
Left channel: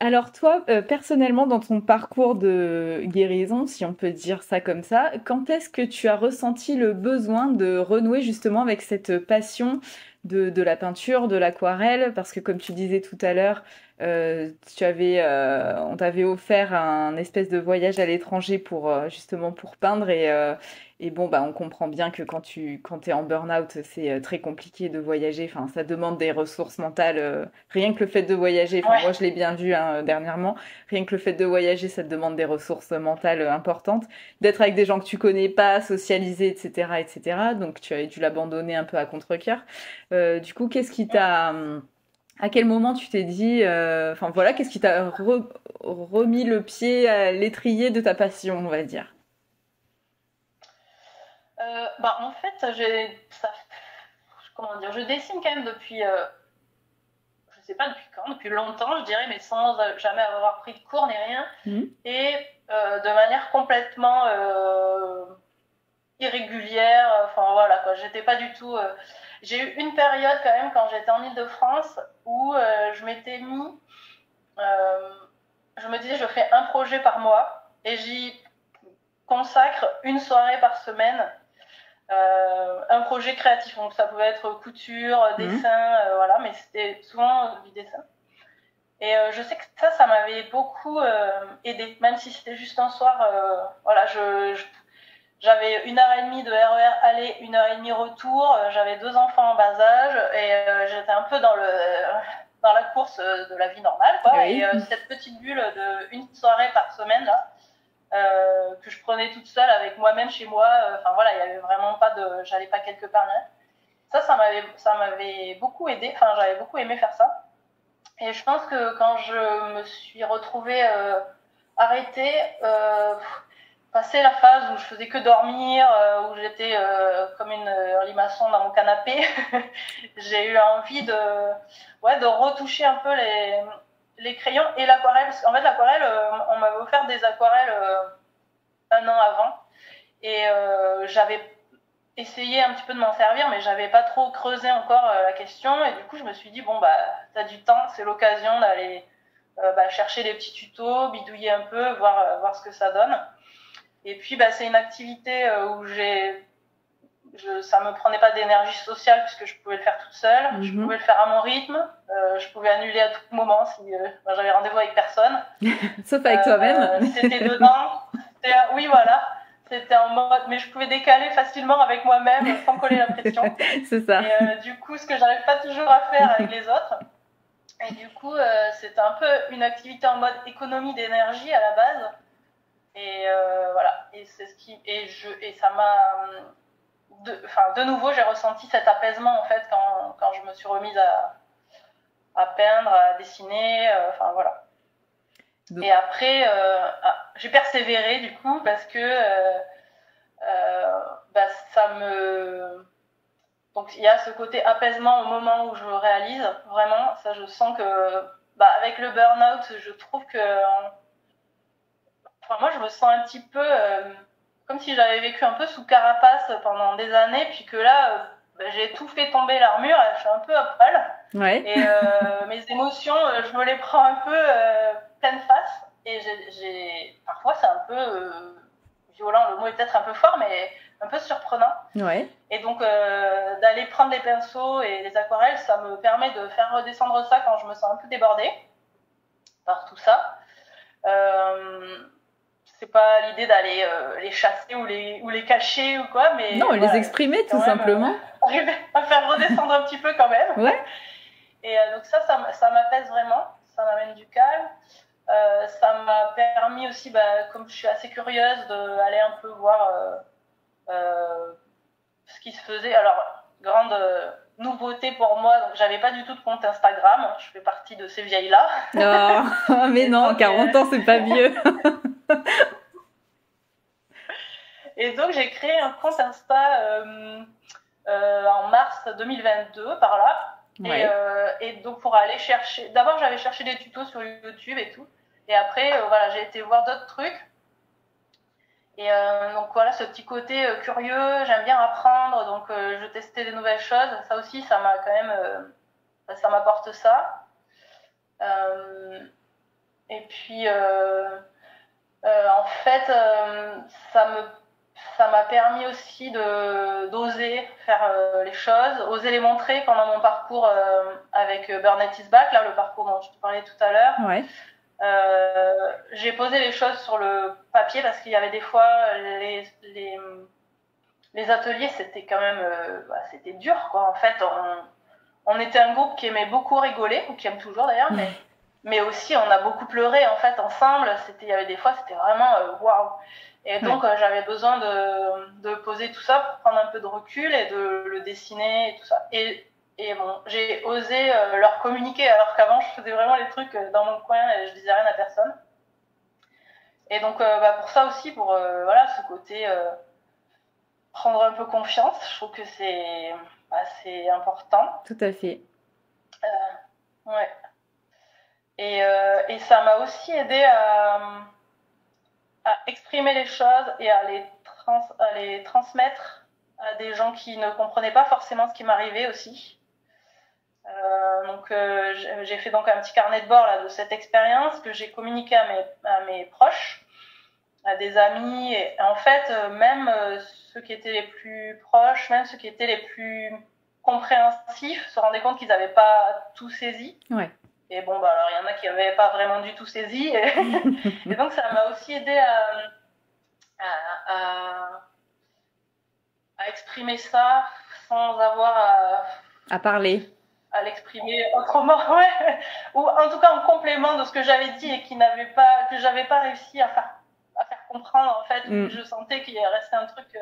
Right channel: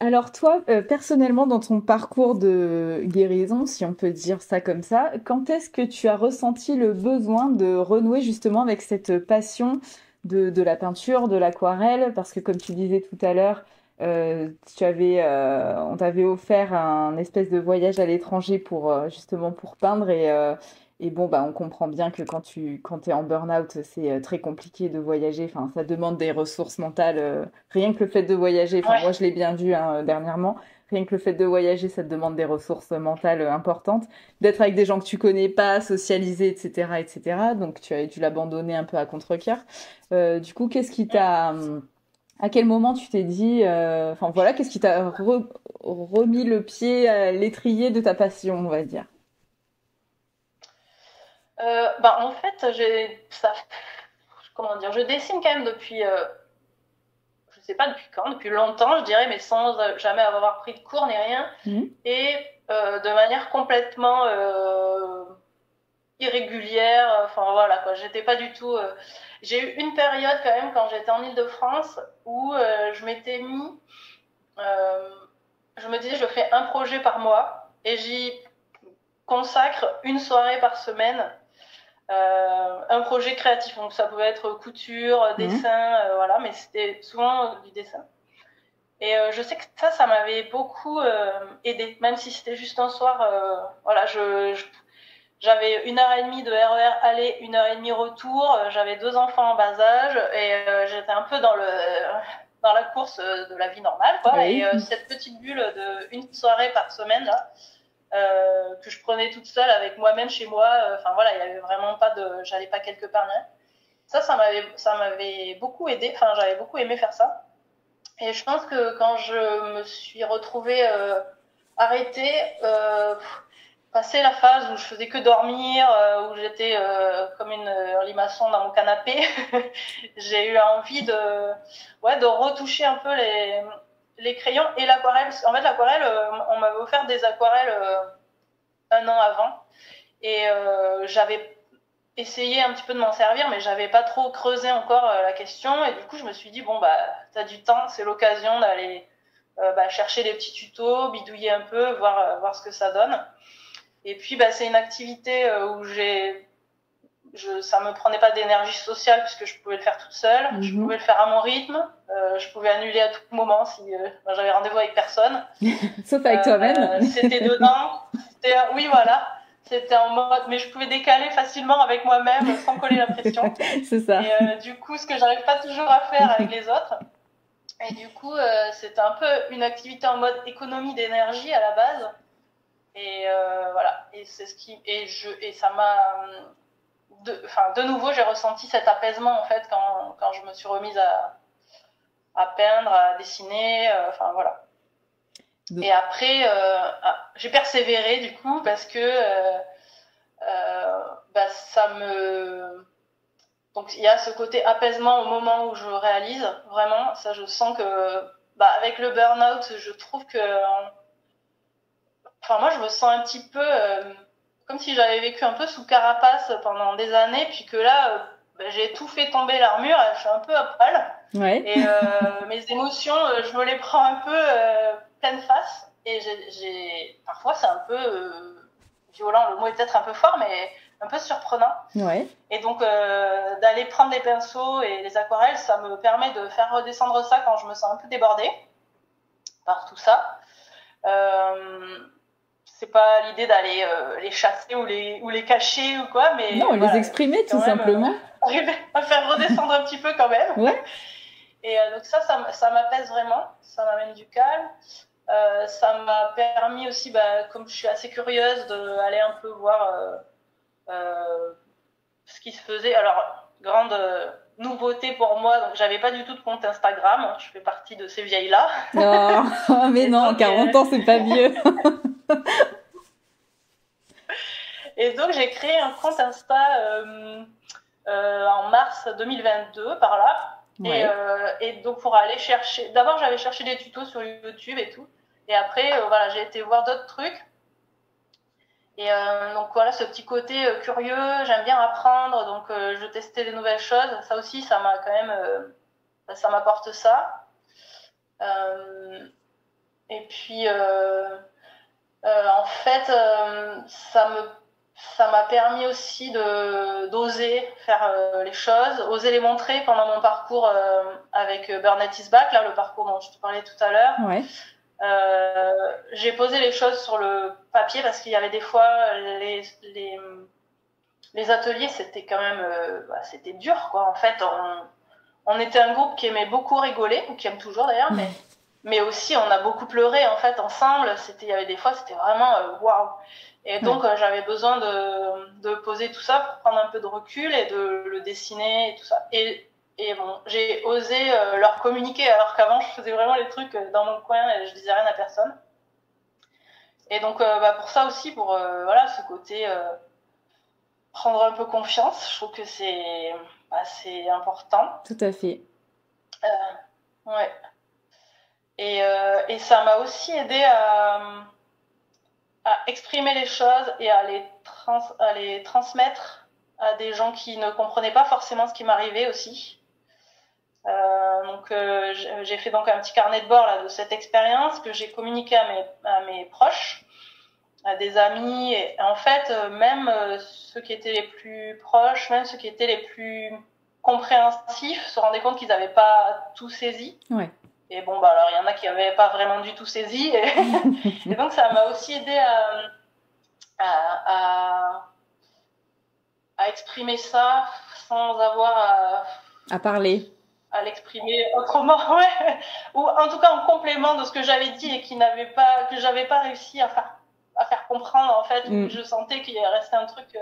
Alors toi, personnellement, dans ton parcours de guérison, si on peut dire ça comme ça, quand est-ce que tu as ressenti le besoin de renouer justement avec cette passion de la peinture, de l'aquarelle? Parce que comme tu disais tout à l'heure, on t'avait offert un espèce de voyage à l'étranger justement pour peindre et bon, on comprend bien que quand t'es en burn-out, c'est très compliqué de voyager. Enfin, ça demande des ressources mentales. Rien que le fait de voyager, moi je l'ai bien vu dernièrement, rien que le fait de voyager, ça te demande des ressources mentales importantes. D'être avec des gens que tu connais pas, socialiser, etc., etc. Donc tu as dû l'abandonner un peu à contre-cœur. Du coup, qu'est-ce qui t'a... À quel moment tu t'es dit... qu'est-ce qui t'a remis le pied à l'étrier de ta passion, on va dire? En fait, je dessine quand même depuis, je sais pas depuis quand, depuis longtemps, je dirais, mais sans jamais avoir pris de cours ni rien, et de manière complètement irrégulière. Enfin voilà quoi, j'étais pas du tout. J'ai eu une période quand même quand j'étais en Île-de-France où je m'étais mis, je me disais je fais un projet par mois et j'y consacre une soirée par semaine. Un projet créatif, donc ça pouvait être couture, dessin, voilà, mais c'était souvent du dessin. Et je sais que ça m'avait beaucoup aidé, même si c'était juste un soir. Voilà, j'avais 1h30 de RER aller, 1h30 retour. J'avais 2 enfants en bas âge et j'étais un peu dans la course de la vie normale, quoi. Oui. Et cette petite bulle de une soirée par semaine là. Que je prenais toute seule avec moi-même chez moi. Voilà, il y avait vraiment pas j'allais pas quelque part. Ça m'avait beaucoup aidé. Enfin, j'avais beaucoup aimé faire ça. Et je pense que quand je me suis retrouvée arrêtée, passé la phase où je faisais que dormir, où j'étais comme une limaçon dans mon canapé, j'ai eu envie de retoucher un peu les crayons et l'aquarelle. En fait, l'aquarelle, on m'avait offert des aquarelles 1 an avant et j'avais essayé un petit peu de m'en servir, mais j'avais pas trop creusé encore la question. Et du coup, je me suis dit, t'as du temps, c'est l'occasion d'aller chercher des petits tutos, bidouiller un peu, voir ce que ça donne. Et puis, c'est une activité où j'ai ça me prenait pas d'énergie sociale puisque je pouvais le faire toute seule. Je pouvais le faire à mon rythme. Je pouvais annuler à tout moment si j'avais rendez-vous avec personne. Sauf avec toi-même. C'était dedans. Oui, voilà. C'était en mode, mais je pouvais décaler facilement avec moi-même sans coller la pression. C'est ça. Et du coup, ce que j'arrive pas toujours à faire avec les autres. Et du coup, c'était un peu une activité en mode économie d'énergie à la base. Et voilà. Et c'est ce qui, et ça m'a, de nouveau, j'ai ressenti cet apaisement en fait quand je me suis remise à peindre, à dessiner. Enfin voilà. Et après, j'ai persévéré du coup parce que ça me... Donc il y a ce côté apaisement au moment où je réalise, vraiment, ça je sens que avec le burn-out, je trouve que... Enfin moi je me sens un petit peu comme si j'avais vécu un peu sous carapace pendant des années, puis que là j'ai tout fait tomber l'armure, je suis un peu à poil. Ouais. Et mes émotions, je me les prends un peu pleine face. Et parfois c'est un peu violent, le mot est peut-être un peu fort, mais un peu surprenant. Ouais. Et donc d'aller prendre les pinceaux et les aquarelles, ça me permet de faire redescendre ça quand je me sens un peu débordée par tout ça. C'est pas l'idée d'aller les chasser ou les cacher ou quoi, mais non, les exprimer tout simplement. Arriver à faire redescendre un petit peu quand même. Ouais. Et donc ça m'apaise vraiment, ça m'amène du calme. Ça m'a permis aussi, comme je suis assez curieuse, d'aller un peu voir ce qui se faisait. Alors, grande nouveauté pour moi, donc j'avais pas du tout de compte Instagram, je fais partie de ces vieilles-là. Oh, mais non, 40 ans, c'est pas vieux. Et donc j'ai créé un compte Insta en mars 2022, par là. Ouais. Et donc pour aller chercher, d'abord j'avais cherché des tutos sur YouTube et tout, et après voilà, j'ai été voir d'autres trucs. Et donc voilà, ce petit côté curieux, j'aime bien apprendre, donc je testais des nouvelles choses. Ça aussi, ça m'a quand même, ça m'apporte ça. Et puis en fait, ça m'a permis aussi d'oser faire les choses, oser les montrer pendant mon parcours avec Burn It Is Back, là, le parcours dont je te parlais tout à l'heure. Ouais. J'ai posé les choses sur le papier parce qu'il y avait des fois les ateliers, c'était quand même c'était dur, quoi. En fait, on était un groupe qui aimait beaucoup rigoler, ou qui aime toujours d'ailleurs, mais aussi on a beaucoup pleuré en fait ensemble. Il y avait des fois, c'était vraiment waouh. Et donc j'avais besoin de poser tout ça pour prendre un peu de recul et de le dessiner et tout ça. Et bon, j'ai osé leur communiquer, alors qu'avant je faisais vraiment les trucs dans mon coin et je disais rien à personne. Et donc pour ça aussi, pour voilà, ce côté prendre un peu confiance, je trouve que c'est assez important. Tout à fait. Ouais. Et ça m'a aussi aidé à exprimer les choses et à les transmettre à des gens qui ne comprenaient pas forcément ce qui m'arrivait aussi. Donc j'ai fait donc un petit carnet de bord là, de cette expérience que j'ai communiqué à mes proches, à des amis, et en fait même ceux qui étaient les plus proches, même ceux qui étaient les plus compréhensifs se rendaient compte qu'ils n'avaient pas tout saisi. Ouais. Et bon, alors il y en a qui n'avaient pas vraiment du tout saisi. Et donc ça m'a aussi aidé à exprimer ça sans avoir à parler. À l'exprimer autrement, ouais. Ou en tout cas en complément de ce que j'avais dit et que j'avais pas réussi à faire comprendre en fait. Je sentais qu'il restait un truc.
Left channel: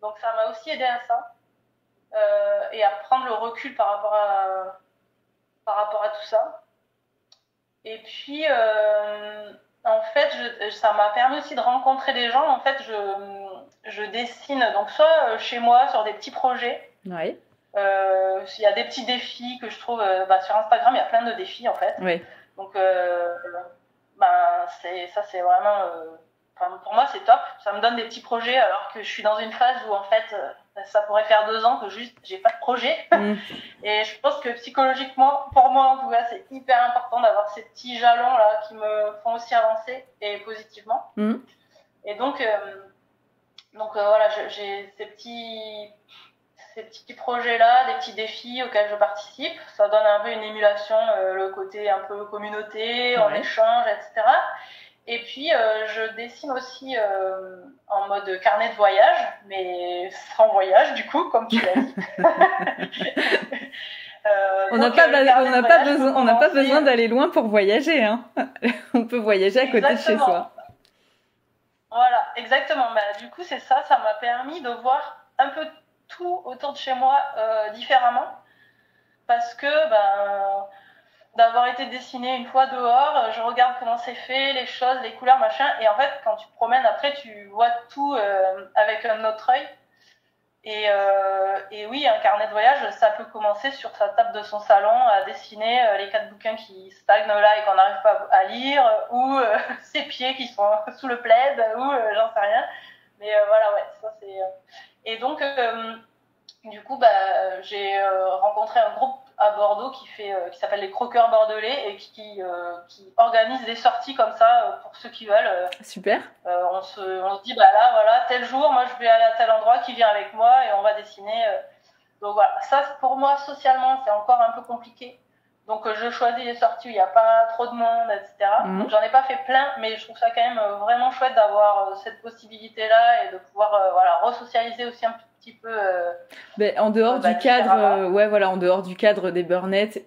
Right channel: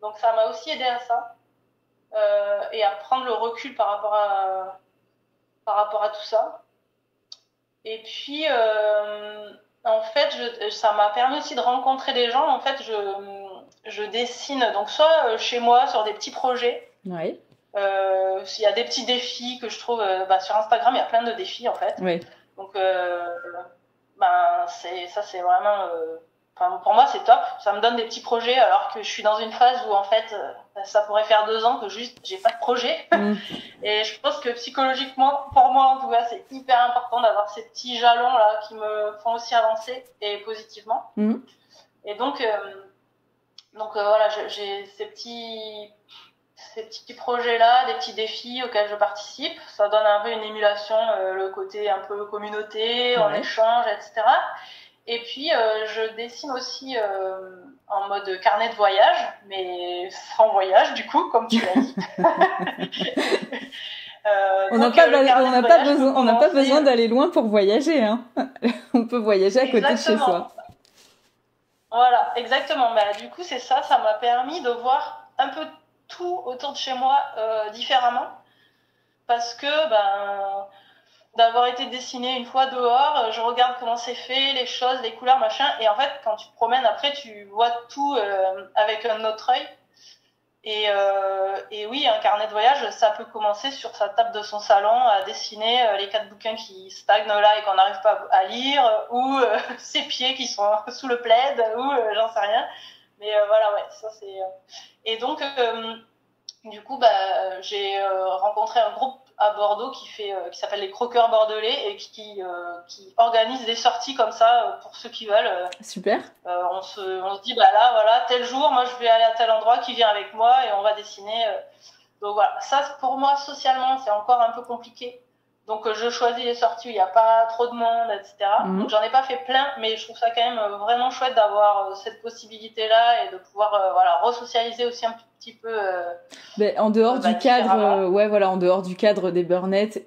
Donc ça m'a aussi aidé à ça et à prendre le recul par rapport à tout ça. Et puis en fait ça m'a permis aussi de rencontrer des gens. En fait je dessine donc soit chez moi sur des petits projets. Ouais. Il y a des petits défis que je trouve sur Instagram, il y a plein de défis en fait. Oui. Donc c'est vraiment pour moi c'est top, ça me donne des petits projets alors que je suis dans une phase où en fait ça pourrait faire 2 ans que juste j'ai pas de projet. Et je pense que psychologiquement, pour moi en tout cas, c'est hyper important d'avoir ces petits jalons là qui me font aussi avancer et positivement. Et donc Donc voilà, j'ai ces petits projets-là, des petits défis auxquels je participe. Ça donne un peu une émulation, le côté un peu communauté, on échange, etc. Et puis, je dessine aussi en mode carnet de voyage, mais sans voyage, du coup, comme tu l'as dit. On n'a pas besoin d'aller loin pour voyager, hein. On peut voyager à côté de chez soi. Voilà, exactement. Bah, du coup, c'est ça, ça m'a permis de voir un peu tout autour de chez moi différemment. Parce que d'avoir été dessiné une fois dehors, je regarde comment c'est fait, les choses, les couleurs, machin. Et en fait, quand tu te promènes après, tu vois tout avec un autre œil. Et oui, un carnet de voyage, ça peut commencer sur sa table de son salon à dessiner les 4 bouquins qui stagnent là et qu'on n'arrive pas à lire, ou ses pieds qui sont sous le plaid, ou j'en sais rien. Mais voilà, ouais, ça c'est... Et donc, du coup, j'ai rencontré un groupe à Bordeaux qui s'appelle les Croqueurs Bordelais et qui organise des sorties comme ça pour ceux qui veulent. Super. On se dit, là, voilà, tel jour, moi je vais aller à tel endroit, qui vient avec moi et on va dessiner. Donc voilà, ça pour moi, socialement, c'est encore un peu compliqué. Donc je choisis les sorties où il n'y a pas trop de monde, etc. Donc j'en ai pas fait plein, mais je trouve ça quand même vraiment chouette d'avoir cette possibilité-là et de pouvoir resocialiser aussi un petit peu. En dehors du cadre, en dehors du cadre des burn-out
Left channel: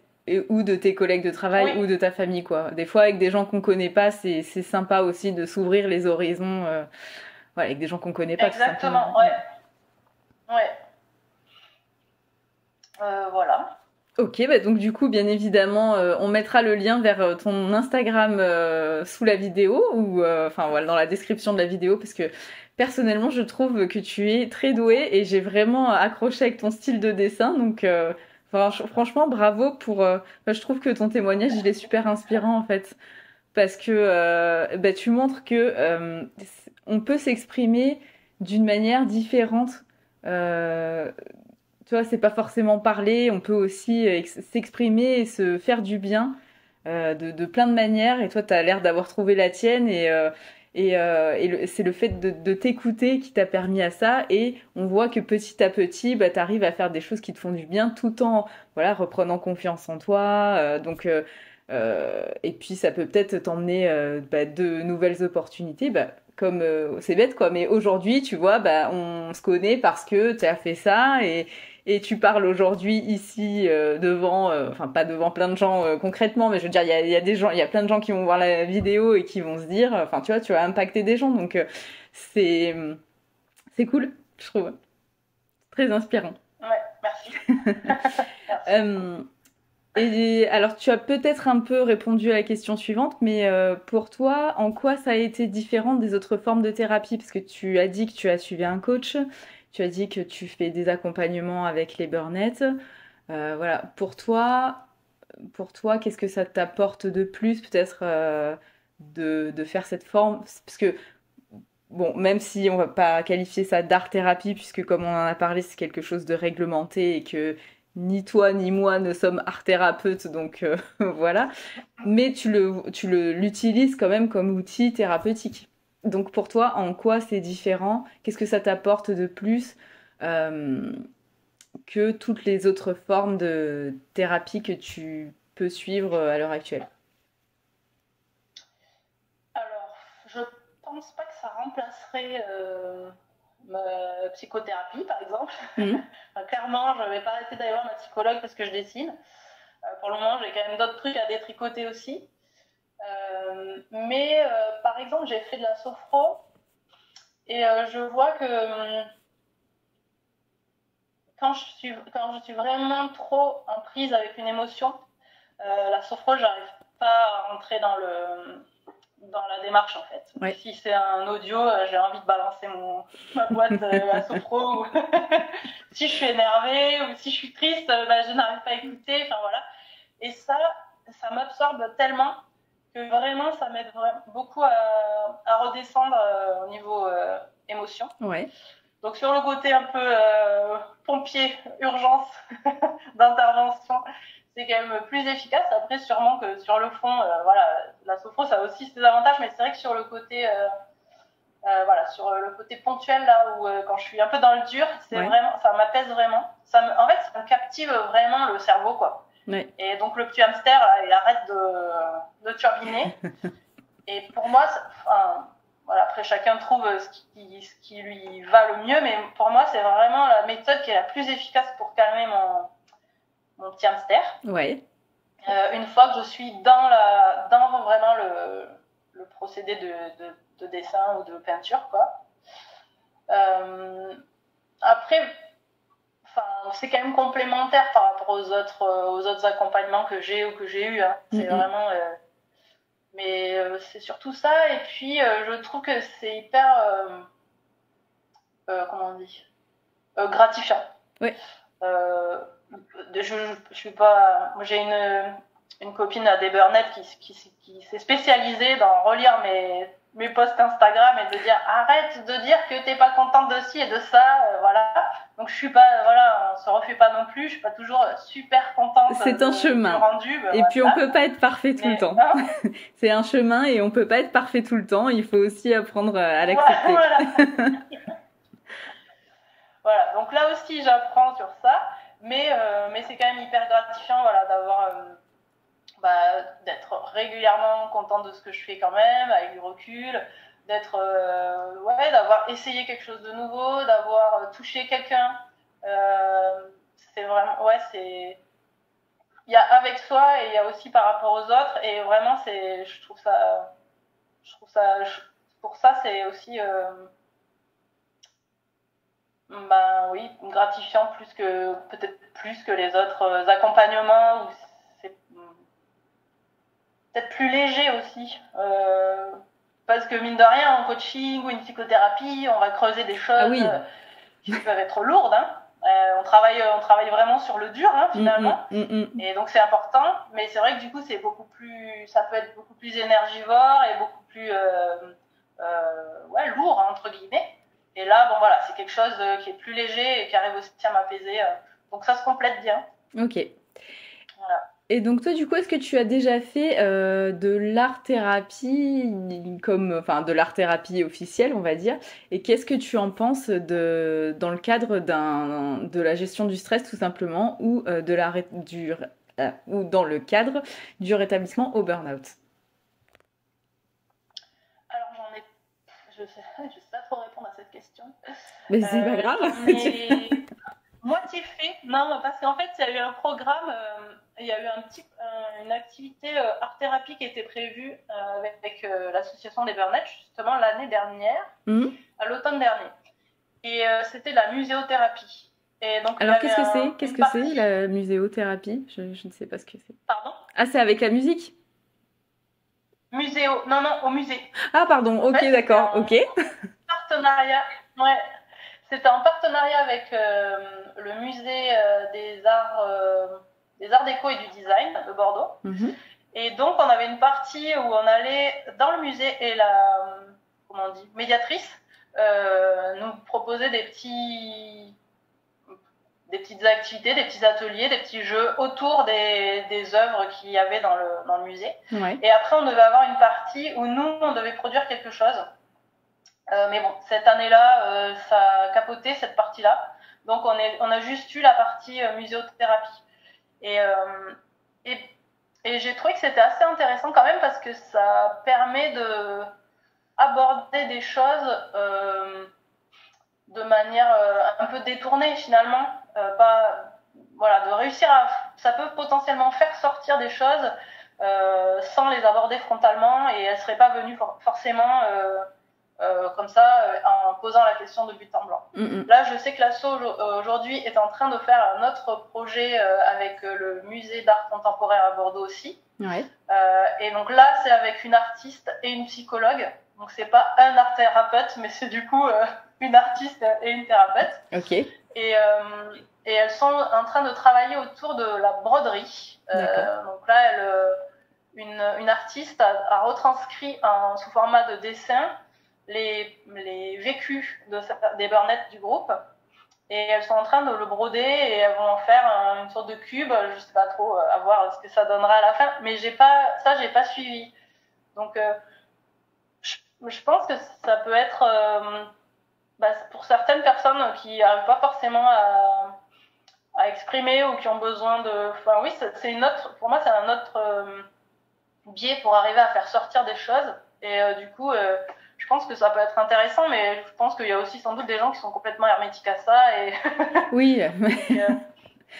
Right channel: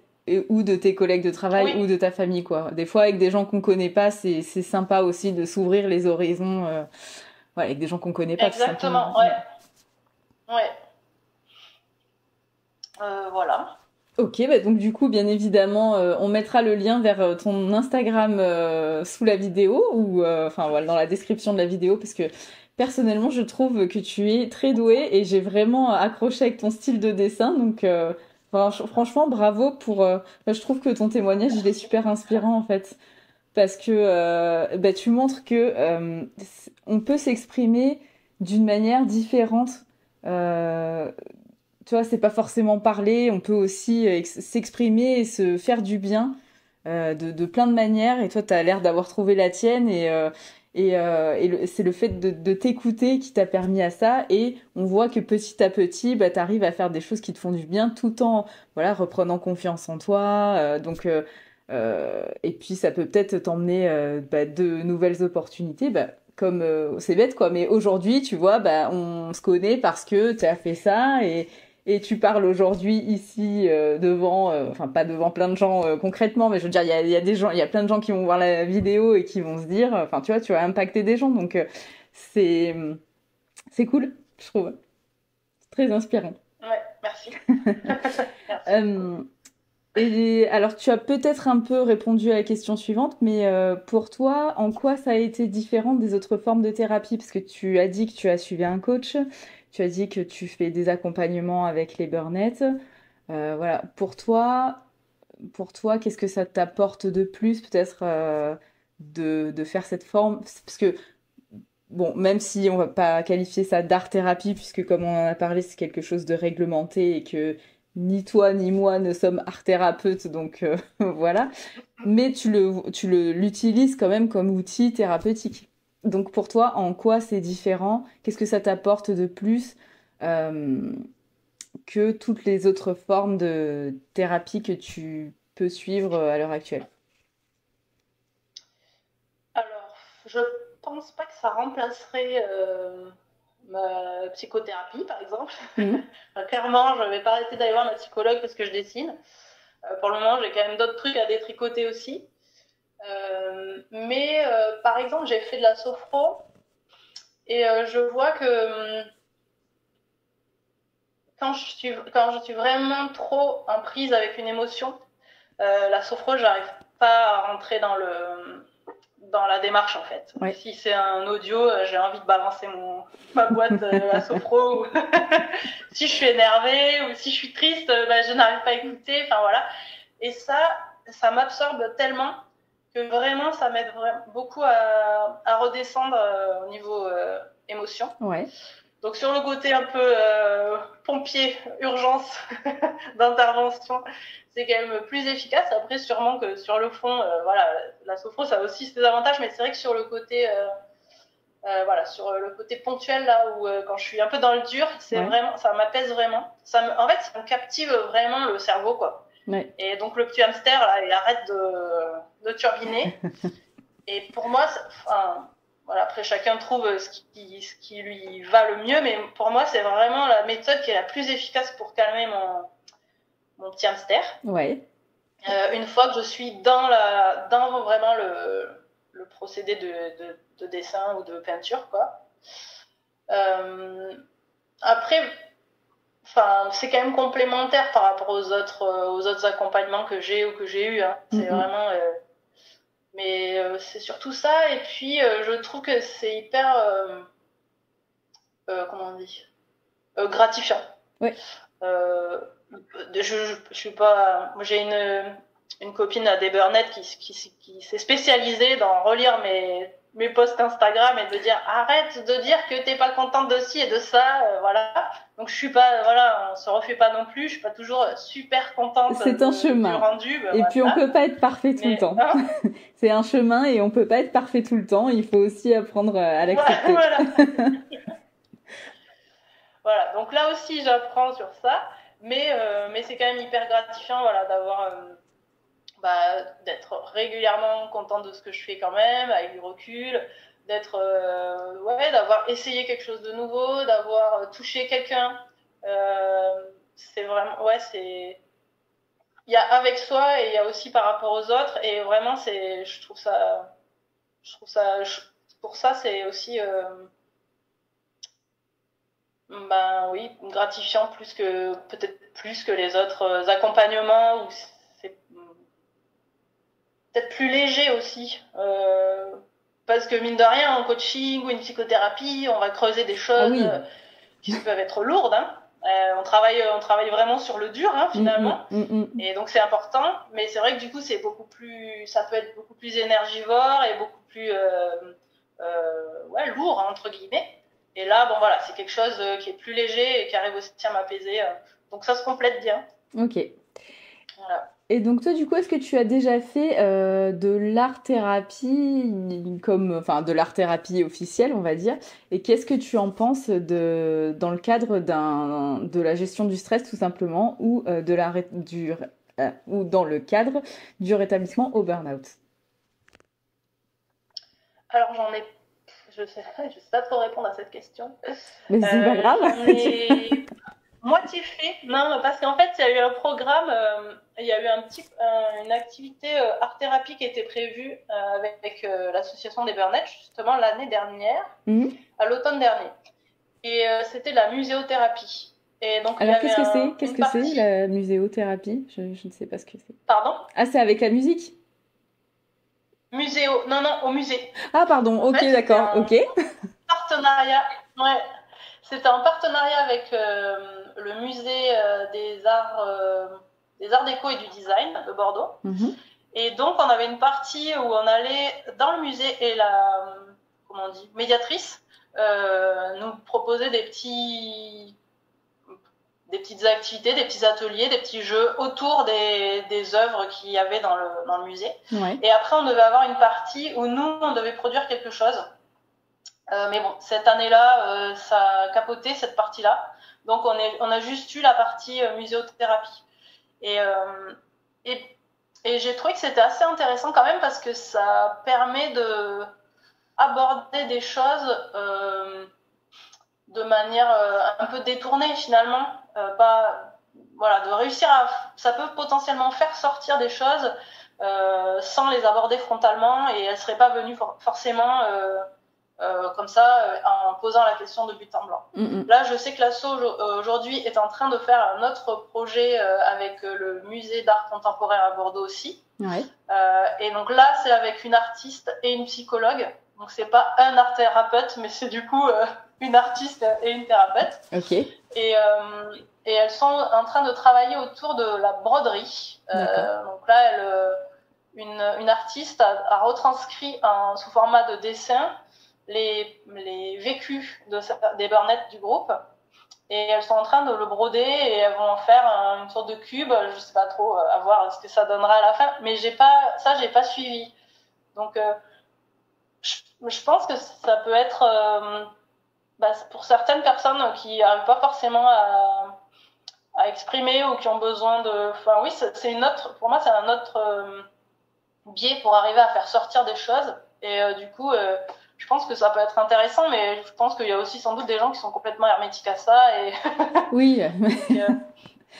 ou de tes collègues de travail ou de ta famille, quoi. Des fois, avec des gens qu'on connaît pas, c'est sympa aussi de s'ouvrir les horizons, avec des gens qu'on connaît pas. Exactement, ouais. Voilà. Ok, donc du coup, bien évidemment, on mettra le lien vers ton Instagram sous la vidéo ou dans la description de la vidéo parce que personnellement, je trouve que tu es très douée et j'ai vraiment accroché avec ton style de dessin. Donc, franchement, bravo pour. Je trouve que ton témoignage, il est super inspirant en fait parce que tu montres que on peut s'exprimer d'une manière différente. Tu vois, c'est pas forcément parler, on peut aussi s'exprimer et se faire du bien de plein de manières. Et toi, tu as l'air d'avoir trouvé la tienne c'est le fait de t'écouter qui t'a permis à ça. Et on voit que petit à petit, tu arrives à faire des choses qui te font du bien tout en reprenant confiance en toi. Et puis, ça peut peut-être t'emmener de nouvelles opportunités. Comme c'est bête quoi, mais aujourd'hui, tu vois, on se connaît parce que tu as fait ça et tu parles aujourd'hui ici devant, pas devant plein de gens concrètement, mais je veux dire, il y a des gens, il y a plein de gens qui vont voir la vidéo et qui vont se dire, tu vois, tu vas impacter des gens, donc c'est cool, je trouve, très inspirant. Ouais, merci. Et alors, tu as peut-être un peu répondu à la question suivante, mais pour toi, en quoi ça a été différent des autres formes de thérapie? Parce que tu as dit que tu as suivi un coach, tu as dit que tu fais des accompagnements avec les burn-out. Voilà, pour toi, qu'est-ce que ça t'apporte de plus, peut-être, de faire cette forme? Parce que, bon, même si on va pas qualifier ça d'art-thérapie, puisque comme on en a parlé, c'est quelque chose de réglementé et que ni toi ni moi ne sommes art-thérapeutes, donc voilà. Mais tu l'utilises quand même comme outil thérapeutique. Donc pour toi, en quoi c'est différent? Qu'est-ce que ça t'apporte de plus que toutes les autres formes de thérapie que tu peux suivre à l'heure actuelle? Alors, je pense pas que ça remplacerait ma psychothérapie, par exemple. Clairement, je vais pas arrêter d'aller voir ma psychologue parce que je dessine. Pour le moment, j'ai quand même d'autres trucs à détricoter aussi. Mais par exemple, j'ai fait de la sophro et je vois que quand je suis vraiment trop en prise avec une émotion, la sophro, j'arrive pas à rentrer dans la démarche en fait. Ouais. Si c'est un audio, j'ai envie de balancer ma boîte de la sophro. Si je suis énervée ou si je suis triste, je n'arrive pas à écouter. Enfin voilà. Et ça m'absorbe tellement que vraiment ça m'aide beaucoup à redescendre au niveau émotion. Ouais. Donc sur le côté un peu pompier, urgence d'intervention, c'est quand même plus efficace. Après, sûrement que sur le fond, la sophro, ça a aussi ses avantages, mais c'est vrai que sur le côté Voilà, sur le côté ponctuel, là où quand je suis un peu dans le dur, Ouais. vraiment, ça m'apaise vraiment. En fait, ça me captive vraiment le cerveau, quoi. Ouais. Et donc, le petit hamster, là, il arrête de turbiner. Et pour moi, enfin, voilà, après, chacun trouve ce qui lui va le mieux, mais pour moi, c'est vraiment la méthode qui est la plus efficace pour calmer mon petit hamster. Ouais. Une fois que je suis dans vraiment le procédé de dessin ou de peinture, quoi. Après, enfin, c'est quand même complémentaire par rapport aux autres accompagnements que j'ai ou que j'ai eu. Hein. C'est vraiment, mais c'est surtout ça. Et puis, je trouve que c'est hyper, comment on dit, gratifiant. Ouais. Je suis pas, j'ai une copine à des Burnett qui s'est spécialisée dans relire mes posts Instagram et de dire arrête de dire que t'es pas contente de ci et de ça, voilà. Donc je suis pas, voilà, on se refait pas non plus, je suis pas toujours super contente. C'est un chemin. Du rendu, et voilà. Puis on peut pas être parfait tout le temps. C'est un chemin et on peut pas être parfait tout le temps. Il faut aussi apprendre à l'accepter. Voilà. Voilà. Donc là aussi j'apprends sur ça, mais c'est quand même hyper gratifiant, voilà, d'avoir d'être régulièrement contente de ce que je fais quand même, avec du recul, d'avoir essayé quelque chose de nouveau, d'avoir touché quelqu'un. C'est vraiment, il y a avec soi et il y a aussi par rapport aux autres, et vraiment je trouve ça, pour ça c'est aussi, gratifiant peut-être plus que les autres accompagnements où c'est peut-être plus léger aussi. Parce que mine de rien, en coaching ou une psychothérapie, on va creuser des choses qui peuvent être lourdes. Hein. On travaille vraiment sur le dur, hein, finalement. Et donc c'est important. Mais c'est vrai que du coup, ça peut être beaucoup plus énergivore et beaucoup plus lourd, hein, entre guillemets. Et là, bon voilà, c'est quelque chose qui est plus léger et qui arrive aussi à m'apaiser. Donc ça se complète bien. Ok. Voilà. Et donc toi, du coup, est-ce que tu as déjà fait de l'art-thérapie, de l'art-thérapie officielle, on va dire, et qu'est-ce que tu en penses dans le cadre de la gestion du stress, tout simplement, ou ou dans le cadre du rétablissement au burn-out? Alors je sais pas trop répondre à cette question. Mais c'est pas grave. Moitié fait, non, parce qu'en fait, il y a eu un programme, il y a eu une activité art-thérapie qui était prévue avec l'association des Burnett, justement, l'année dernière, à l'automne dernier. Et c'était la muséothérapie. Et donc, alors, qu'est-ce que c'est, la muséothérapie? Je ne sais pas ce que c'est. Pardon? Ah, c'est avec la musique? Non, au musée. Ah, pardon, ok, d'accord, ok. Partenariat, ouais. C'était en partenariat avec le musée des arts déco et du design de Bordeaux. Et donc, on avait une partie où on allait dans le musée et la médiatrice nous proposait des petites activités, des petits ateliers, des petits jeux autour des œuvres qu'il y avait dans le musée. Ouais. Et après, on devait avoir une partie où nous, on devait produire quelque chose. Mais bon, cette année-là, ça a capoté cette partie-là. Donc, on a juste eu la partie muséothérapie. Et j'ai trouvé que c'était assez intéressant quand même parce que ça permet d'aborder des choses de manière un peu détournée finalement. De réussir ça peut potentiellement faire sortir des choses sans les aborder frontalement et elles ne seraient pas venues forcément... comme ça, en posant la question de but en blanc. Là, je sais que l'asso aujourd'hui est en train de faire un autre projet avec le musée d'art contemporain à Bordeaux aussi. Ouais. Et donc là, c'est avec une artiste et une psychologue. Donc c'est pas un art thérapeute, mais c'est du coup une artiste et une thérapeute. Ok. Et elles sont en train de travailler autour de la broderie. Donc là, une artiste a retranscrit sous format de dessin les vécus des Burnett du groupe, et elles sont en train de le broder et elles vont en faire une sorte de cube. Je sais pas trop, à voir ce que ça donnera à la fin, mais j'ai pas suivi. Donc je pense que ça peut être pour certaines personnes qui n'arrivent pas forcément à exprimer ou qui ont besoin de... Enfin oui, c'est une autre... Pour moi, c'est un autre biais pour arriver à faire sortir des choses. Et du coup, je pense que ça peut être intéressant, mais je pense qu'il y a aussi sans doute des gens qui sont complètement hermétiques à ça. Et... Oui. Donc,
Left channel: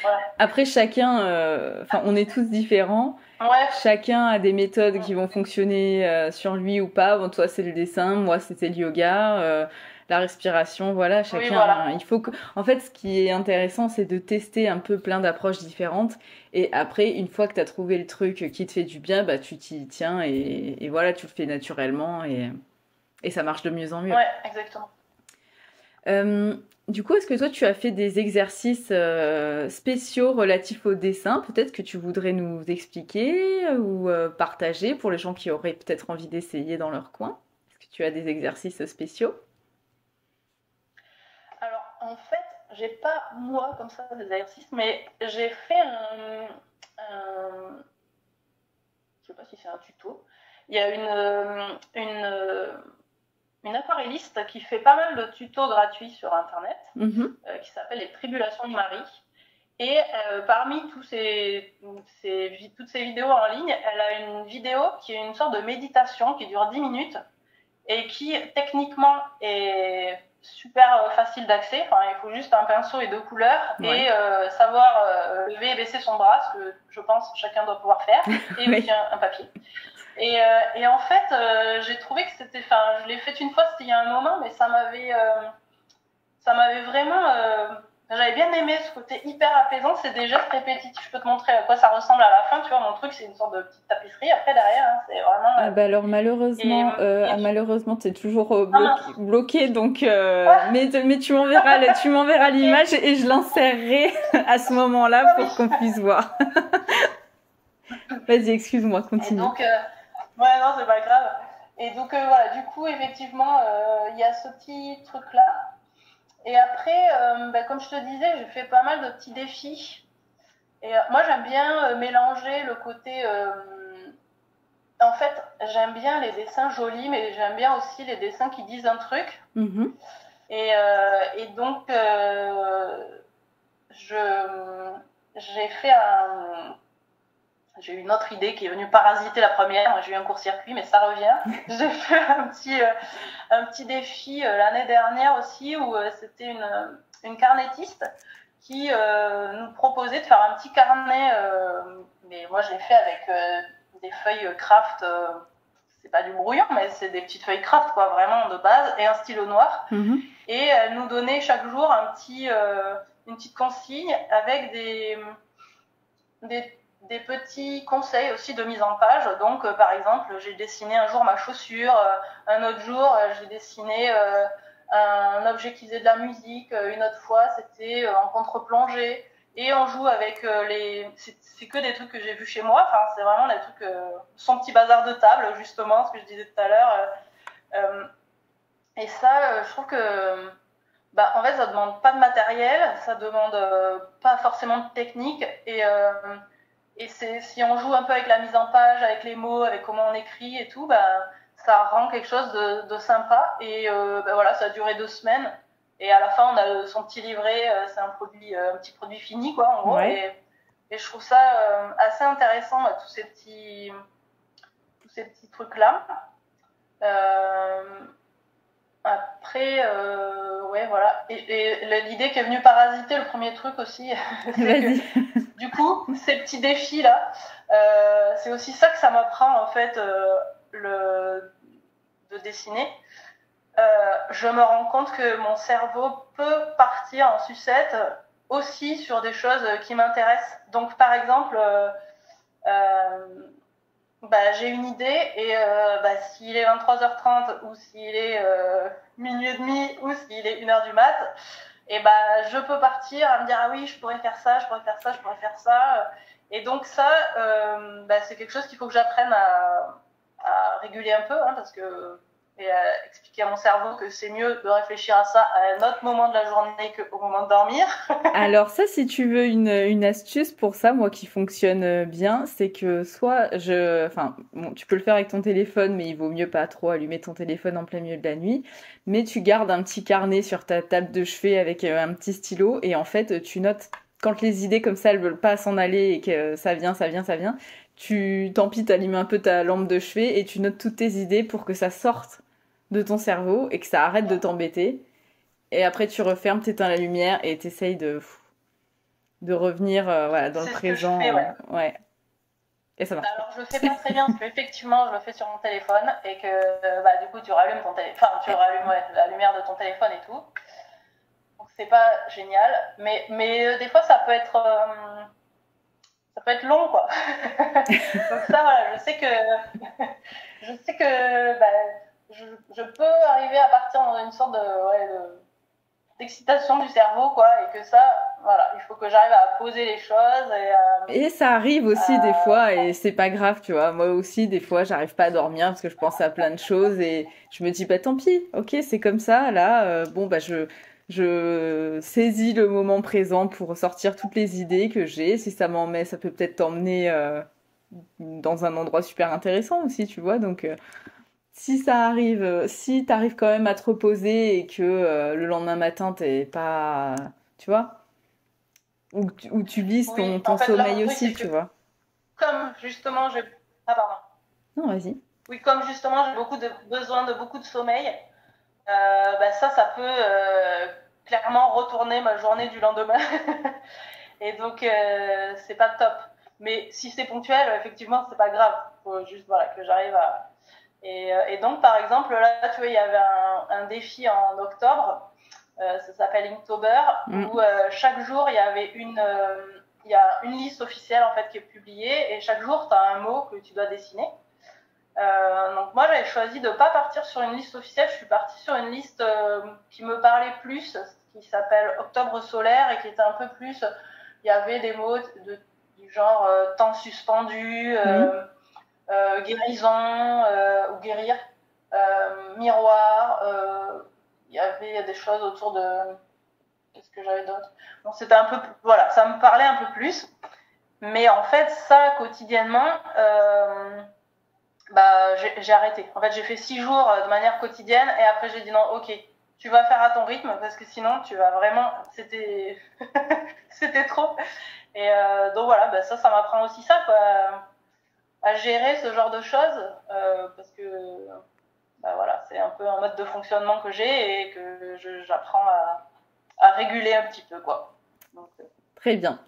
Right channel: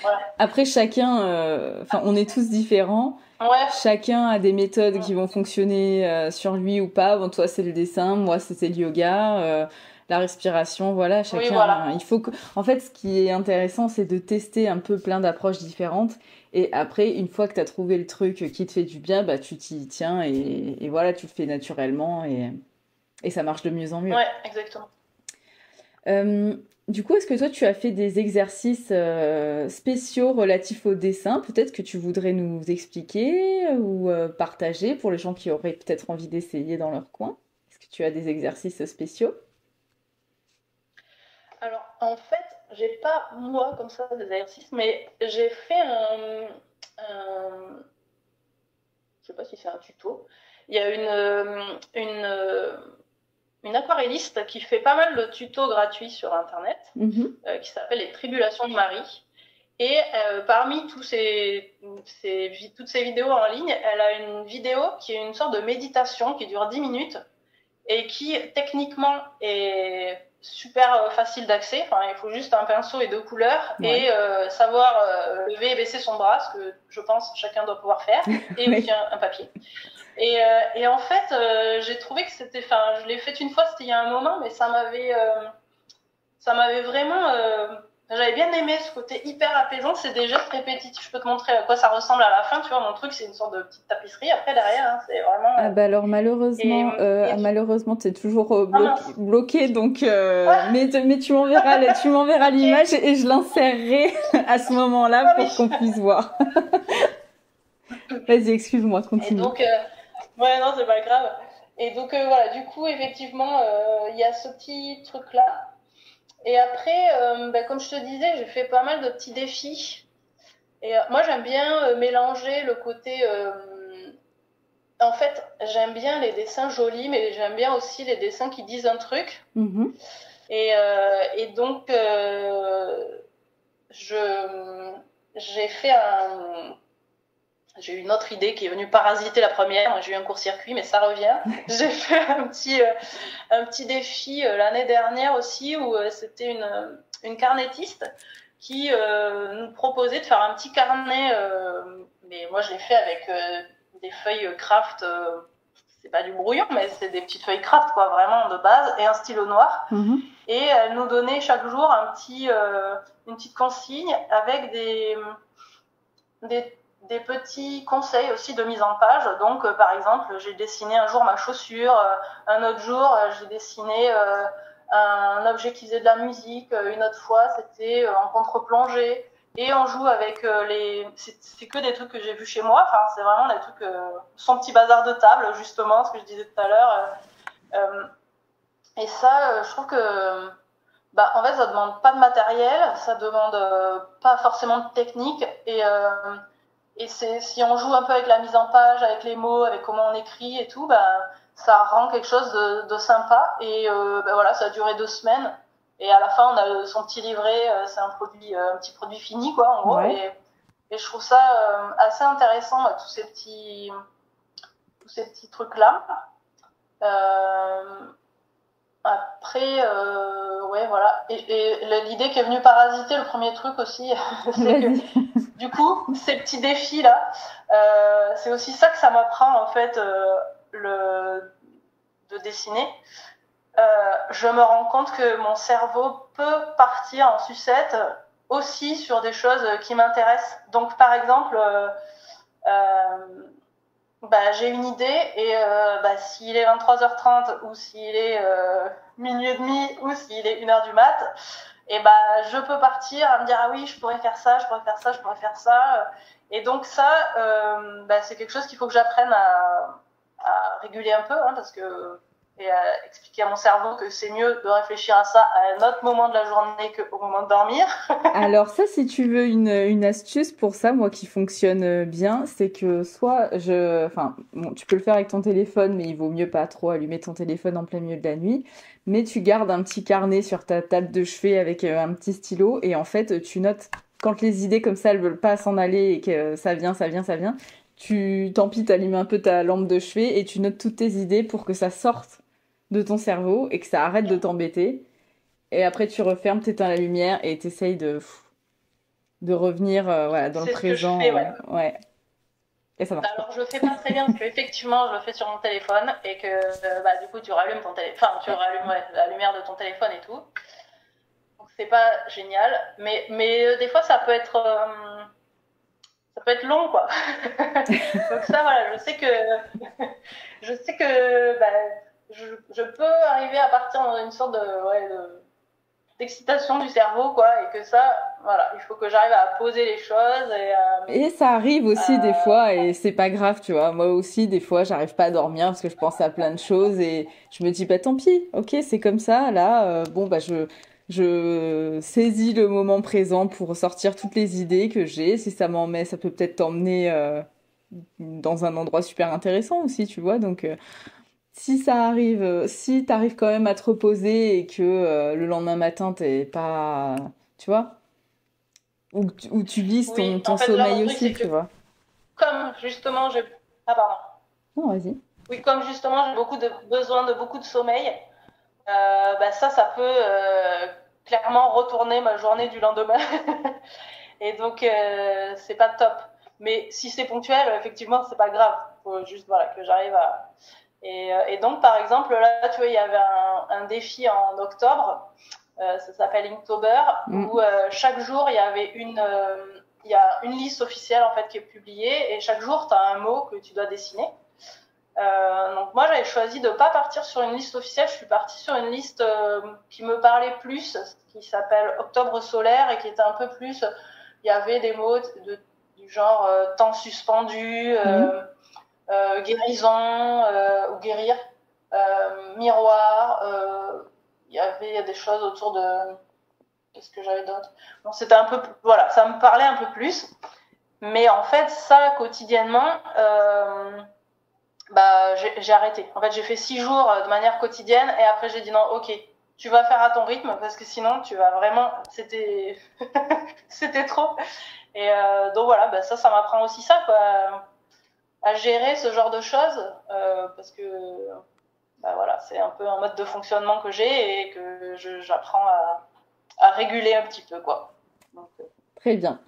voilà. Après, chacun... on est tous différents. Ouais. Chacun a des méthodes qui vont fonctionner sur lui ou pas. Bon, toi, c'est le dessin, moi, c'était le yoga, la respiration, voilà, chacun. Oui, voilà. Il faut que... En fait, ce qui est intéressant, c'est de tester un peu plein d'approches différentes. Et après, une fois que tu as trouvé le truc qui te fait du bien, bah, tu t'y tiens et voilà, tu le fais naturellement et ça marche de mieux en mieux. Ouais, exactement. Du coup, est-ce que toi, tu as fait des exercices spéciaux relatifs au dessin? Peut-être que tu voudrais nous expliquer ou partager pour les gens qui auraient peut-être envie d'essayer dans leur coin. Est-ce que tu as des exercices spéciaux? Alors, en fait, j'ai pas, moi, comme ça, des exercices, mais j'ai fait je sais pas si c'est un tuto. Il y a une aquarelliste qui fait pas mal de tutos gratuits sur Internet, qui s'appelle Les Tribulations de Marie. Et parmi toutes ces vidéos en ligne, elle a une vidéo qui est une sorte de méditation qui dure 10 minutes et qui, techniquement, est super facile d'accès. Enfin, il faut juste un pinceau et 2 couleurs et savoir lever et baisser son bras, ce que je pense chacun doit pouvoir faire, et aussi un papier. Et en fait, j'ai trouvé que c'était... Enfin, je l'ai fait une fois, c'était il y a un moment, mais ça m'avait vraiment... j'avais bien aimé ce côté hyper apaisant. C'est des gestes répétitifs. Je peux te montrer à quoi ça ressemble à la fin. Tu vois, mon truc, c'est une sorte de petite tapisserie. Après, derrière, hein, c'est vraiment... alors, malheureusement, t'es toujours bloqué. Donc, mais tu m'enverras l'image et je l'insérerai à ce moment-là pour qu'on puisse voir. Vas-y, excuse-moi, continue. Et donc, ouais, non, c'est pas grave. Et donc, voilà, du coup, effectivement, il y a ce petit truc-là. Et après, comme je te disais, j'ai fait pas mal de petits défis. Et moi, j'aime bien mélanger le côté... En fait, j'aime bien les dessins jolis, mais j'aime bien aussi les dessins qui disent un truc. Et donc, j'ai fait j'ai eu une autre idée qui est venue parasiter la première. J'ai eu un court-circuit, mais ça revient. J'ai fait un petit défi l'année dernière aussi, où c'était une carnettiste qui nous proposait de faire un petit carnet. Mais moi, je l'ai fait avec des feuilles craft. C'est pas du brouillon, mais c'est des petites feuilles craft, quoi, vraiment de base, et un stylo noir. Et elle nous donnait chaque jour une petite consigne avec des petits conseils aussi de mise en page. Donc, par exemple, j'ai dessiné un jour ma chaussure, un autre jour, j'ai dessiné un objet qui faisait de la musique, une autre fois, c'était en contre-plongée. Et on joue avec c'est que des trucs que j'ai vus chez moi. Enfin, c'est vraiment des trucs... son petit bazar de table, justement, ce que je disais tout à l'heure. Et ça, je trouve que... en fait, ça demande pas de matériel, ça demande pas forcément de technique. Et si on joue un peu avec la mise en page, avec les mots, avec comment on écrit et tout, ça rend quelque chose de sympa. Et voilà, ça a duré 2 semaines. Et à la fin, on a son petit livret, c'est un petit produit fini, quoi, en gros. Ouais. Et je trouve ça assez intéressant, tous ces petits trucs-là. Après, ouais, voilà. Et l'idée qui est venue parasiter le premier truc aussi, c'est que du coup, ces petits défis-là, c'est aussi ça que ça m'apprend, en fait, de dessiner. Je me rends compte que mon cerveau peut partir en sucette aussi sur des choses qui m'intéressent. Donc, par exemple, j'ai une idée et s'il est 23h30 ou s'il est minuit et demi ou s'il est 1h du mat, et je peux partir à me dire ah oui, je pourrais faire ça, je pourrais faire ça, je pourrais faire ça. Et donc ça, c'est quelque chose qu'il faut que j'apprenne à réguler un peu, hein, parce que expliquer à mon cerveau que c'est mieux de réfléchir à ça à un autre moment de la journée qu'au moment de dormir. Alors ça, si tu veux une astuce pour ça, moi qui fonctionne bien, c'est que bon, tu peux le faire avec ton téléphone, mais il vaut mieux pas trop allumer ton téléphone en plein milieu de la nuit. Mais tu gardes un petit carnet sur ta table de chevet avec un petit stylo et en fait, tu notes quand les idées comme ça, elles veulent pas s'en aller et que ça vient, tant pis, t'allumes un peu ta lampe de chevet et tu notes toutes tes idées pour que ça sorte de ton cerveau et que ça arrête de t'embêter. Et après, tu refermes, t'éteins la lumière et t'essayes de revenir voilà, dans le C'est présent. ce que je fais, ouais. Ouais. Et ça marche. Alors, je le fais pas très bien parce qu'effectivement, je le fais sur mon téléphone et que du coup, tu rallumes ton téléphone, enfin, tu rallumes la lumière de ton téléphone et tout. Donc, c'est pas génial. Mais des fois, ça peut être long, quoi. Donc, ça, voilà, je sais que je peux arriver à partir dans une sorte d'excitation du cerveau, quoi, et que ça, voilà, il faut que j'arrive à poser les choses et ça arrive aussi des fois et c'est pas grave, tu vois. Moi aussi, des fois, j'arrive pas à dormir parce que je pense à plein de choses et je me dis, bah tant pis, ok, c'est comme ça, là, je saisis le moment présent pour sortir toutes les idées que j'ai. Si ça ça peut peut-être t'emmener dans un endroit super intéressant aussi, tu vois. Donc, si ça arrive, si t'arrives quand même à te reposer et que le lendemain matin, t'es pas, tu vois, ou tu vises oui, ton en fait, là, sommeil mon truc, aussi, c'est tu que vois. comme justement j'ai... Ah, pardon. Non, vas-y. Oui, comme justement j'ai besoin de beaucoup de sommeil, ça peut clairement retourner ma journée du lendemain. Et donc, c'est pas top. Mais si c'est ponctuel, effectivement, c'est pas grave. Faut juste voilà, que j'arrive à... Et donc, par exemple, là, tu vois, il y avait un défi en octobre, ça s'appelle Inktober, où chaque jour, il y a une liste officielle en fait, qui est publiée, et chaque jour, tu as un mot que tu dois dessiner. Donc moi j'avais choisi de ne pas partir sur une liste officielle, je suis partie sur une liste qui me parlait plus, qui s'appelle Octobre solaire et qui était un peu plus, il y avait des mots du genre temps suspendu, guérison ou guérir, miroir, il y avait des choses autour de... Qu'est-ce que j'avais d'autre? Bon, c'était un peu... Voilà, ça me parlait un peu plus, mais en fait ça quotidiennement... j'ai arrêté. En fait, j'ai fait 6 jours de manière quotidienne et après j'ai dit non, ok, tu vas faire à ton rythme parce que sinon tu vas vraiment... C'était trop. Et donc voilà, ça m'apprend aussi ça, quoi, à gérer ce genre de choses parce que voilà, c'est un peu un mode de fonctionnement que j'ai et que j'apprends à réguler un petit peu, quoi. Donc, Très bien.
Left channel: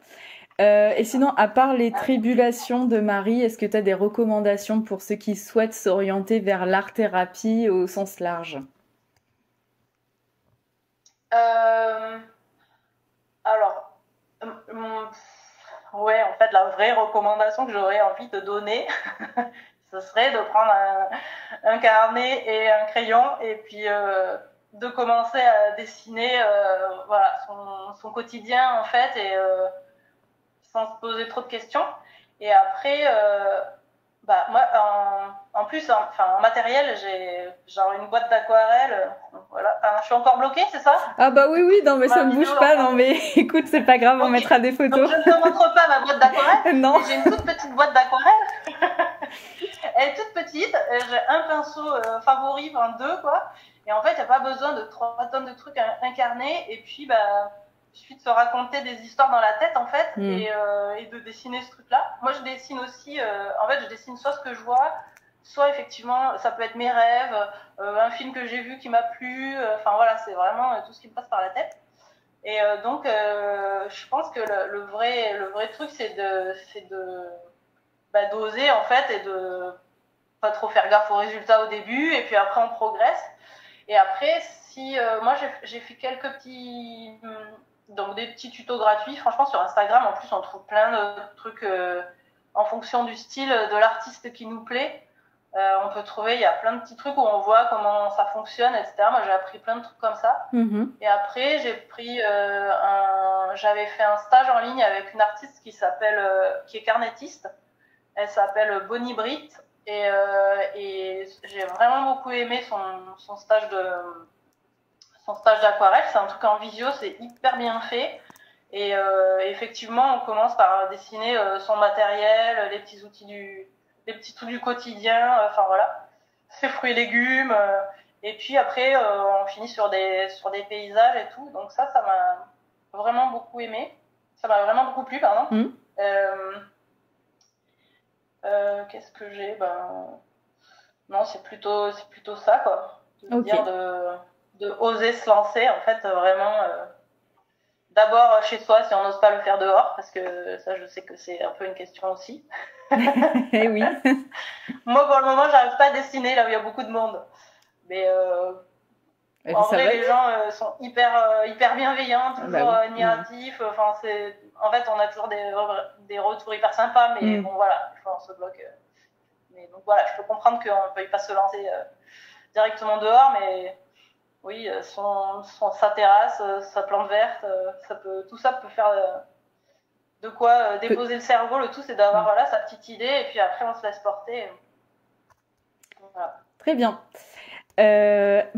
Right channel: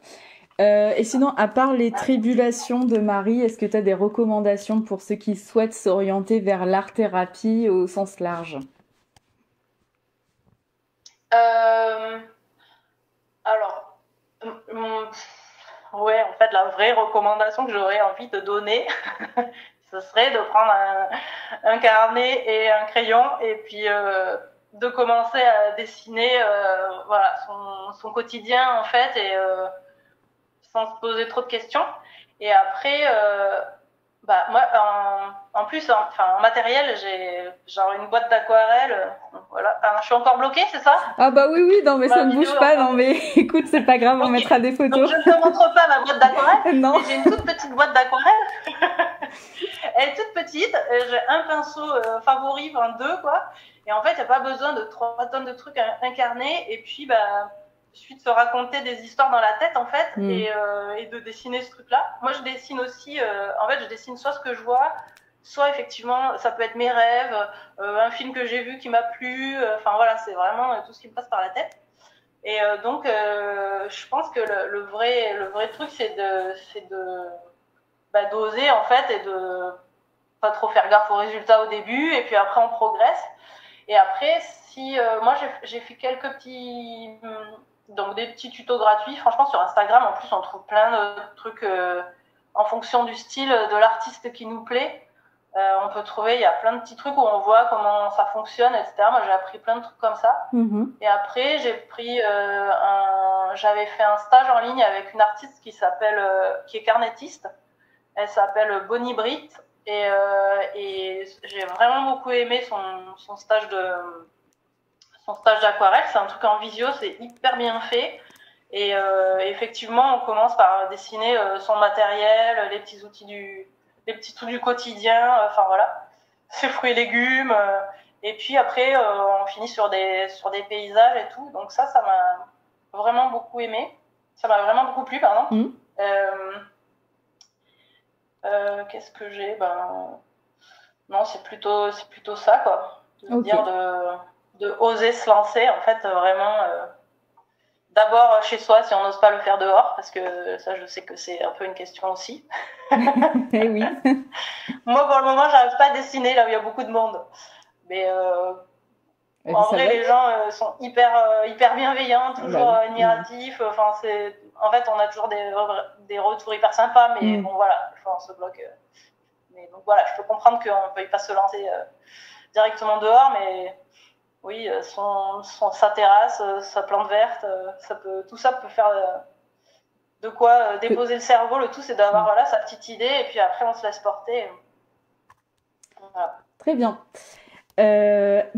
Et sinon, à part les tribulations de Marie, est-ce que tu as des recommandations pour ceux qui souhaitent s'orienter vers l'art-thérapie au sens large? Alors, ouais, en fait, la vraie recommandation que j'aurais envie de donner, ce serait de prendre un carnet et un crayon et puis de commencer à dessiner voilà, son quotidien, en fait, et sans se poser trop de questions. Et après, moi, en plus, en matériel, j'ai genre une boîte d'aquarelle. Voilà. Je suis encore bloquée, c'est ça? Ah bah oui, non mais ça ne bouge pas, non mais écoute, c'est pas grave, on mettra des photos. Donc je ne te montre pas ma boîte d'aquarelle. Non. J'ai une toute petite boîte d'aquarelle. Elle est toute petite. J'ai un pinceau favori, enfin 2 quoi. Et en fait, il n'y a pas besoin de 3 tonnes de trucs incarnés. Et puis, suite se raconter des histoires dans la tête en fait et de dessiner ce truc là. Moi je dessine aussi en fait je dessine soit ce que je vois, soit effectivement ça peut être mes rêves, un film que j'ai vu qui m'a plu, enfin voilà, c'est vraiment tout ce qui me passe par la tête. Et donc je pense que le vrai truc c'est de d'oser en fait et de pas trop faire gaffe aux résultats au début et puis après on progresse. Et après si moi j'ai fait quelques petits donc des petits tutos gratuits. Franchement, sur Instagram, en plus, on trouve plein de trucs en fonction du style de l'artiste qui nous plaît. On peut trouver, il y a plein de petits trucs où on voit comment ça fonctionne, etc. Moi, j'ai appris plein de trucs comme ça. Et après, j'avais fait un stage en ligne avec une artiste qui est carnettiste. Elle s'appelle Bonnie Britt. Et j'ai vraiment beaucoup aimé son stage d'aquarelle. C'est un truc en visio, c'est hyper bien fait. Et effectivement, on commence par dessiner son matériel, les petits trucs du quotidien, enfin voilà, ses fruits et légumes. Et puis après, on finit sur des paysages et tout. Donc ça m'a vraiment beaucoup aimé. Ça m'a vraiment beaucoup plu, pardon. Mmh. Qu'est-ce que j'ai non, c'est plutôt ça, quoi. De Ok. dire de oser se lancer, en fait, vraiment. D'abord chez soi, si on n'ose pas le faire dehors, parce que ça, je sais que c'est un peu une question aussi. Eh oui. Moi, pour le moment, j'arrive pas à dessiner là où il y a beaucoup de monde. Mais en Ça vrai, va les bien. gens sont hyper bienveillants, Ah bah toujours oui. admiratifs. Enfin, en fait, on a toujours des retours hyper sympas, mais bon, voilà, on se bloque. Mais donc voilà, je peux comprendre qu'on ne peut pas se lancer directement dehors, mais oui, sa terrasse, sa plante verte, tout ça peut faire de quoi déposer le cerveau. Le tout, c'est d'avoir voilà, sa petite idée, et puis après, on se laisse porter. Voilà. Très bien.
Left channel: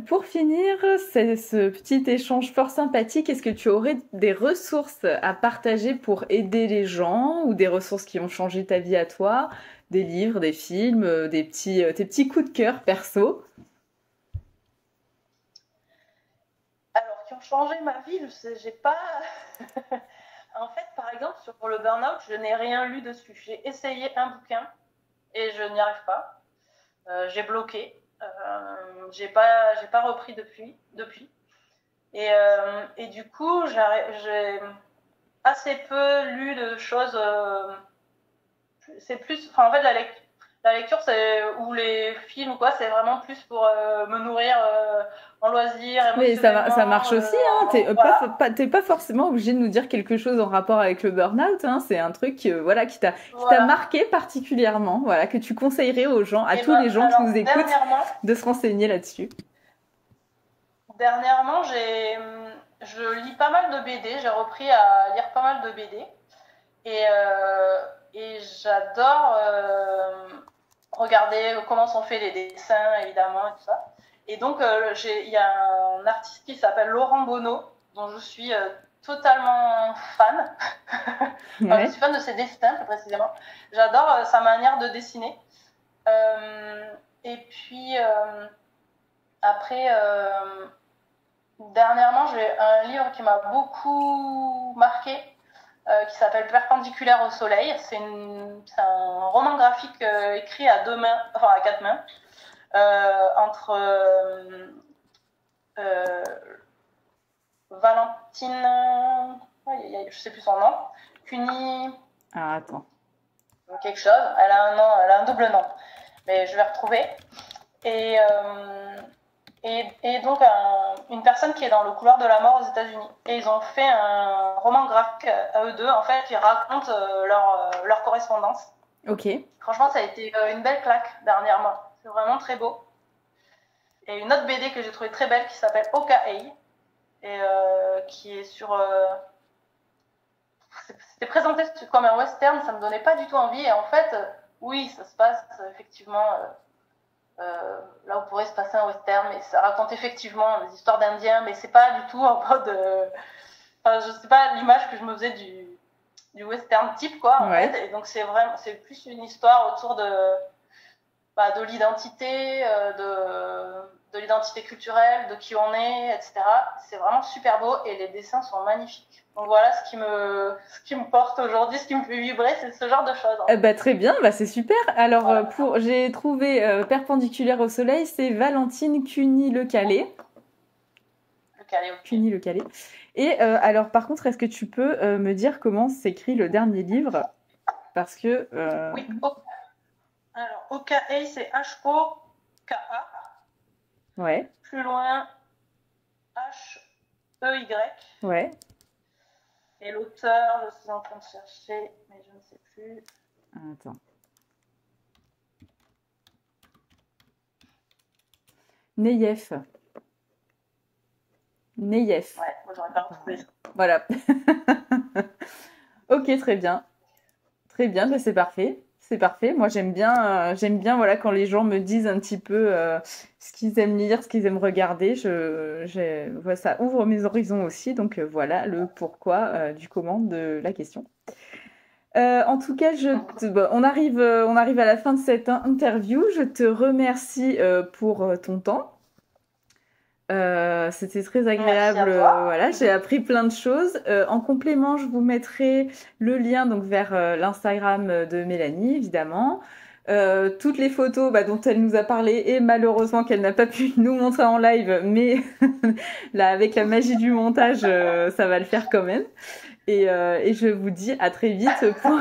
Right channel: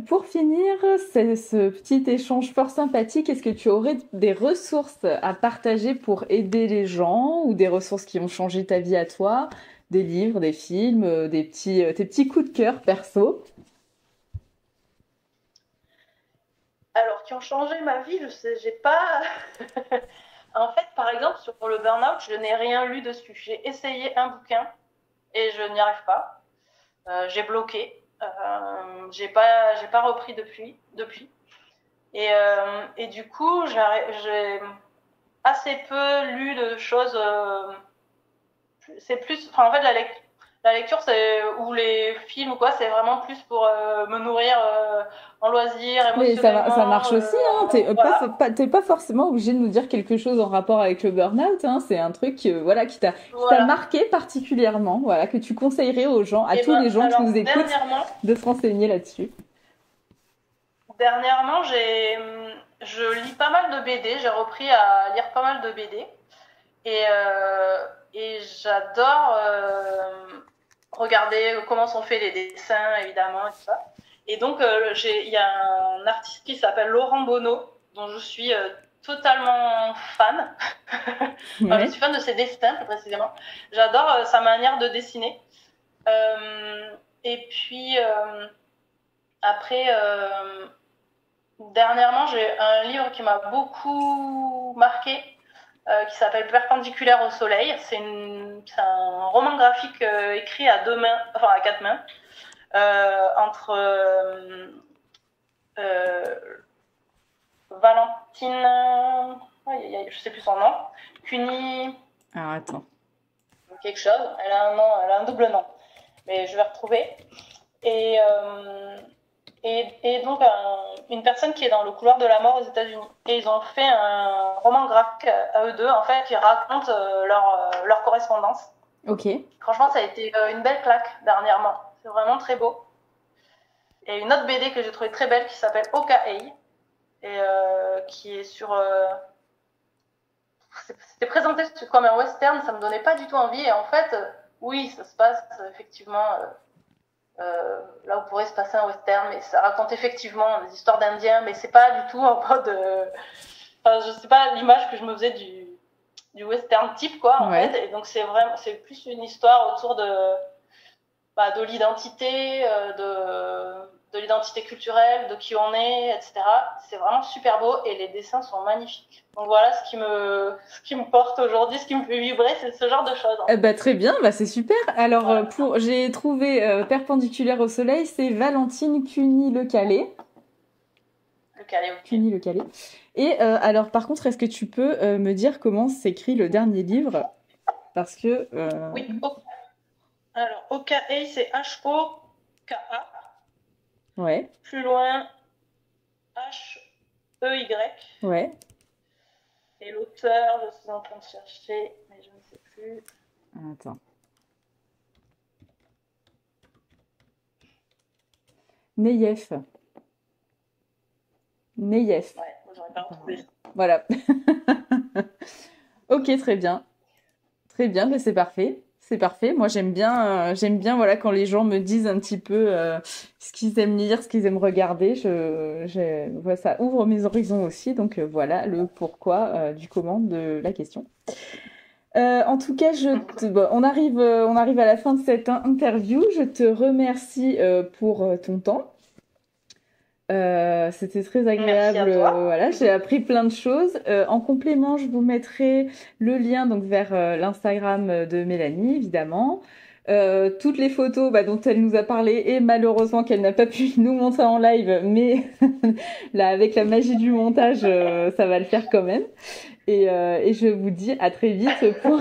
Pour finir ce petit échange fort sympathique, est-ce que tu aurais des ressources à partager pour aider les gens ou des ressources qui ont changé ta vie à toi, des livres, des films, tes petits coups de cœur perso? Alors, qui ont changé ma vie, je sais, j'ai pas. En fait, par exemple, sur le burn-out, je n'ai rien lu dessus. J'ai essayé un bouquin et je n'y arrive pas. J'ai bloqué. J'ai pas repris depuis. Et du coup, j'ai assez peu lu de choses. C'est plus, enfin, en fait, la lecture, ou les films ou quoi, c'est vraiment plus pour me nourrir en loisir, Mais émotionnellement. ça marche aussi, hein. Voilà. T'es pas forcément obligé de nous dire quelque chose en rapport avec le burn-out, hein. C'est un truc, voilà, qui t'a Voilà. marqué particulièrement, voilà, que tu conseillerais aux gens, à tous les gens qui alors, nous écoutent, de se renseigner là-dessus. Dernièrement, je lis pas mal de BD. J'ai repris à lire pas mal de BD. Et j'adore regarder comment sont faits les dessins, évidemment, et tout ça. Et donc, il y a un artiste qui s'appelle Laurent Bonneau, dont je suis totalement fan. Enfin, je suis fan de ses dessins, plus précisément. J'adore sa manière de dessiner. Et puis, après, dernièrement, j'ai un livre qui m'a beaucoup marqué, qui s'appelle Perpendiculaire au soleil. C'est un roman graphique écrit à quatre mains, entre Valentine, je sais plus son nom, Cuny. Ah, attends. Quelque chose. Elle a un double nom, mais je vais retrouver. Et donc une personne qui est dans le couloir de la mort aux États-Unis. Et ils ont fait un roman graphique à eux deux, en fait, qui raconte leur correspondance. Ok. Franchement, ça a été une belle claque dernièrement. C'est vraiment très beau. Et une autre BD que j'ai trouvée très belle qui s'appelle Oka-Ei, et qui est sur... c'était présenté comme un western, ça me donnait pas du tout envie. Et en fait, oui, ça se passe effectivement... là où pourrait se passer un western, mais ça raconte effectivement les histoires d'Indiens, mais c'est pas du tout en mode. Enfin, je sais pas l'image que je me faisais du western type, quoi, en fait. Et donc c'est plus une histoire autour de l'identité, de l'identité culturelle, de qui on est, etc. C'est vraiment super beau et les dessins sont magnifiques. Donc voilà ce qui me porte aujourd'hui, ce qui me fait vibrer, c'est ce genre de choses. Bah, très bien, bah, c'est super. Alors, voilà. J'ai trouvé Perpendiculaire au soleil, c'est Valentine Cuny-Le-Calais. Cuny-Le-Calais. Et alors, par contre, est-ce que tu peux me dire comment s'écrit le dernier livre? Parce que... Oui, alors, Oka-Ei, c'est H-O-K-A. Ouais. Plus loin, H-E-Y. Ouais. Et l'auteur, je suis en train de chercher, mais je ne sais plus. Attends. Neyef. Neyef. Ouais, moi j'aurais pas retrouvé. Voilà. Ok, très bien. Très bien, bah c'est parfait. C'est parfait. Moi, j'aime bien, voilà, quand les gens me disent un petit peu ce qu'ils aiment lire, ce qu'ils aiment regarder. Voilà, ça ouvre mes horizons aussi. Donc voilà le pourquoi du comment de la question. En tout cas, bon, on arrive à la fin de cette interview. Je te remercie pour ton temps. C'était très agréable. Voilà, j'ai appris plein de choses. En complément, je vous mettrai le lien donc vers l'Instagram de Mélanie, évidemment. Toutes les photos dont elle nous a parlé et malheureusement qu'elle n'a pas pu nous montrer en live, mais là avec la magie du montage, ça va le faire quand même. Et je vous dis à très vite pour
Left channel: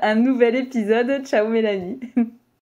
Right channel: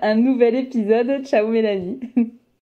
un nouvel épisode. Ciao Mélanie.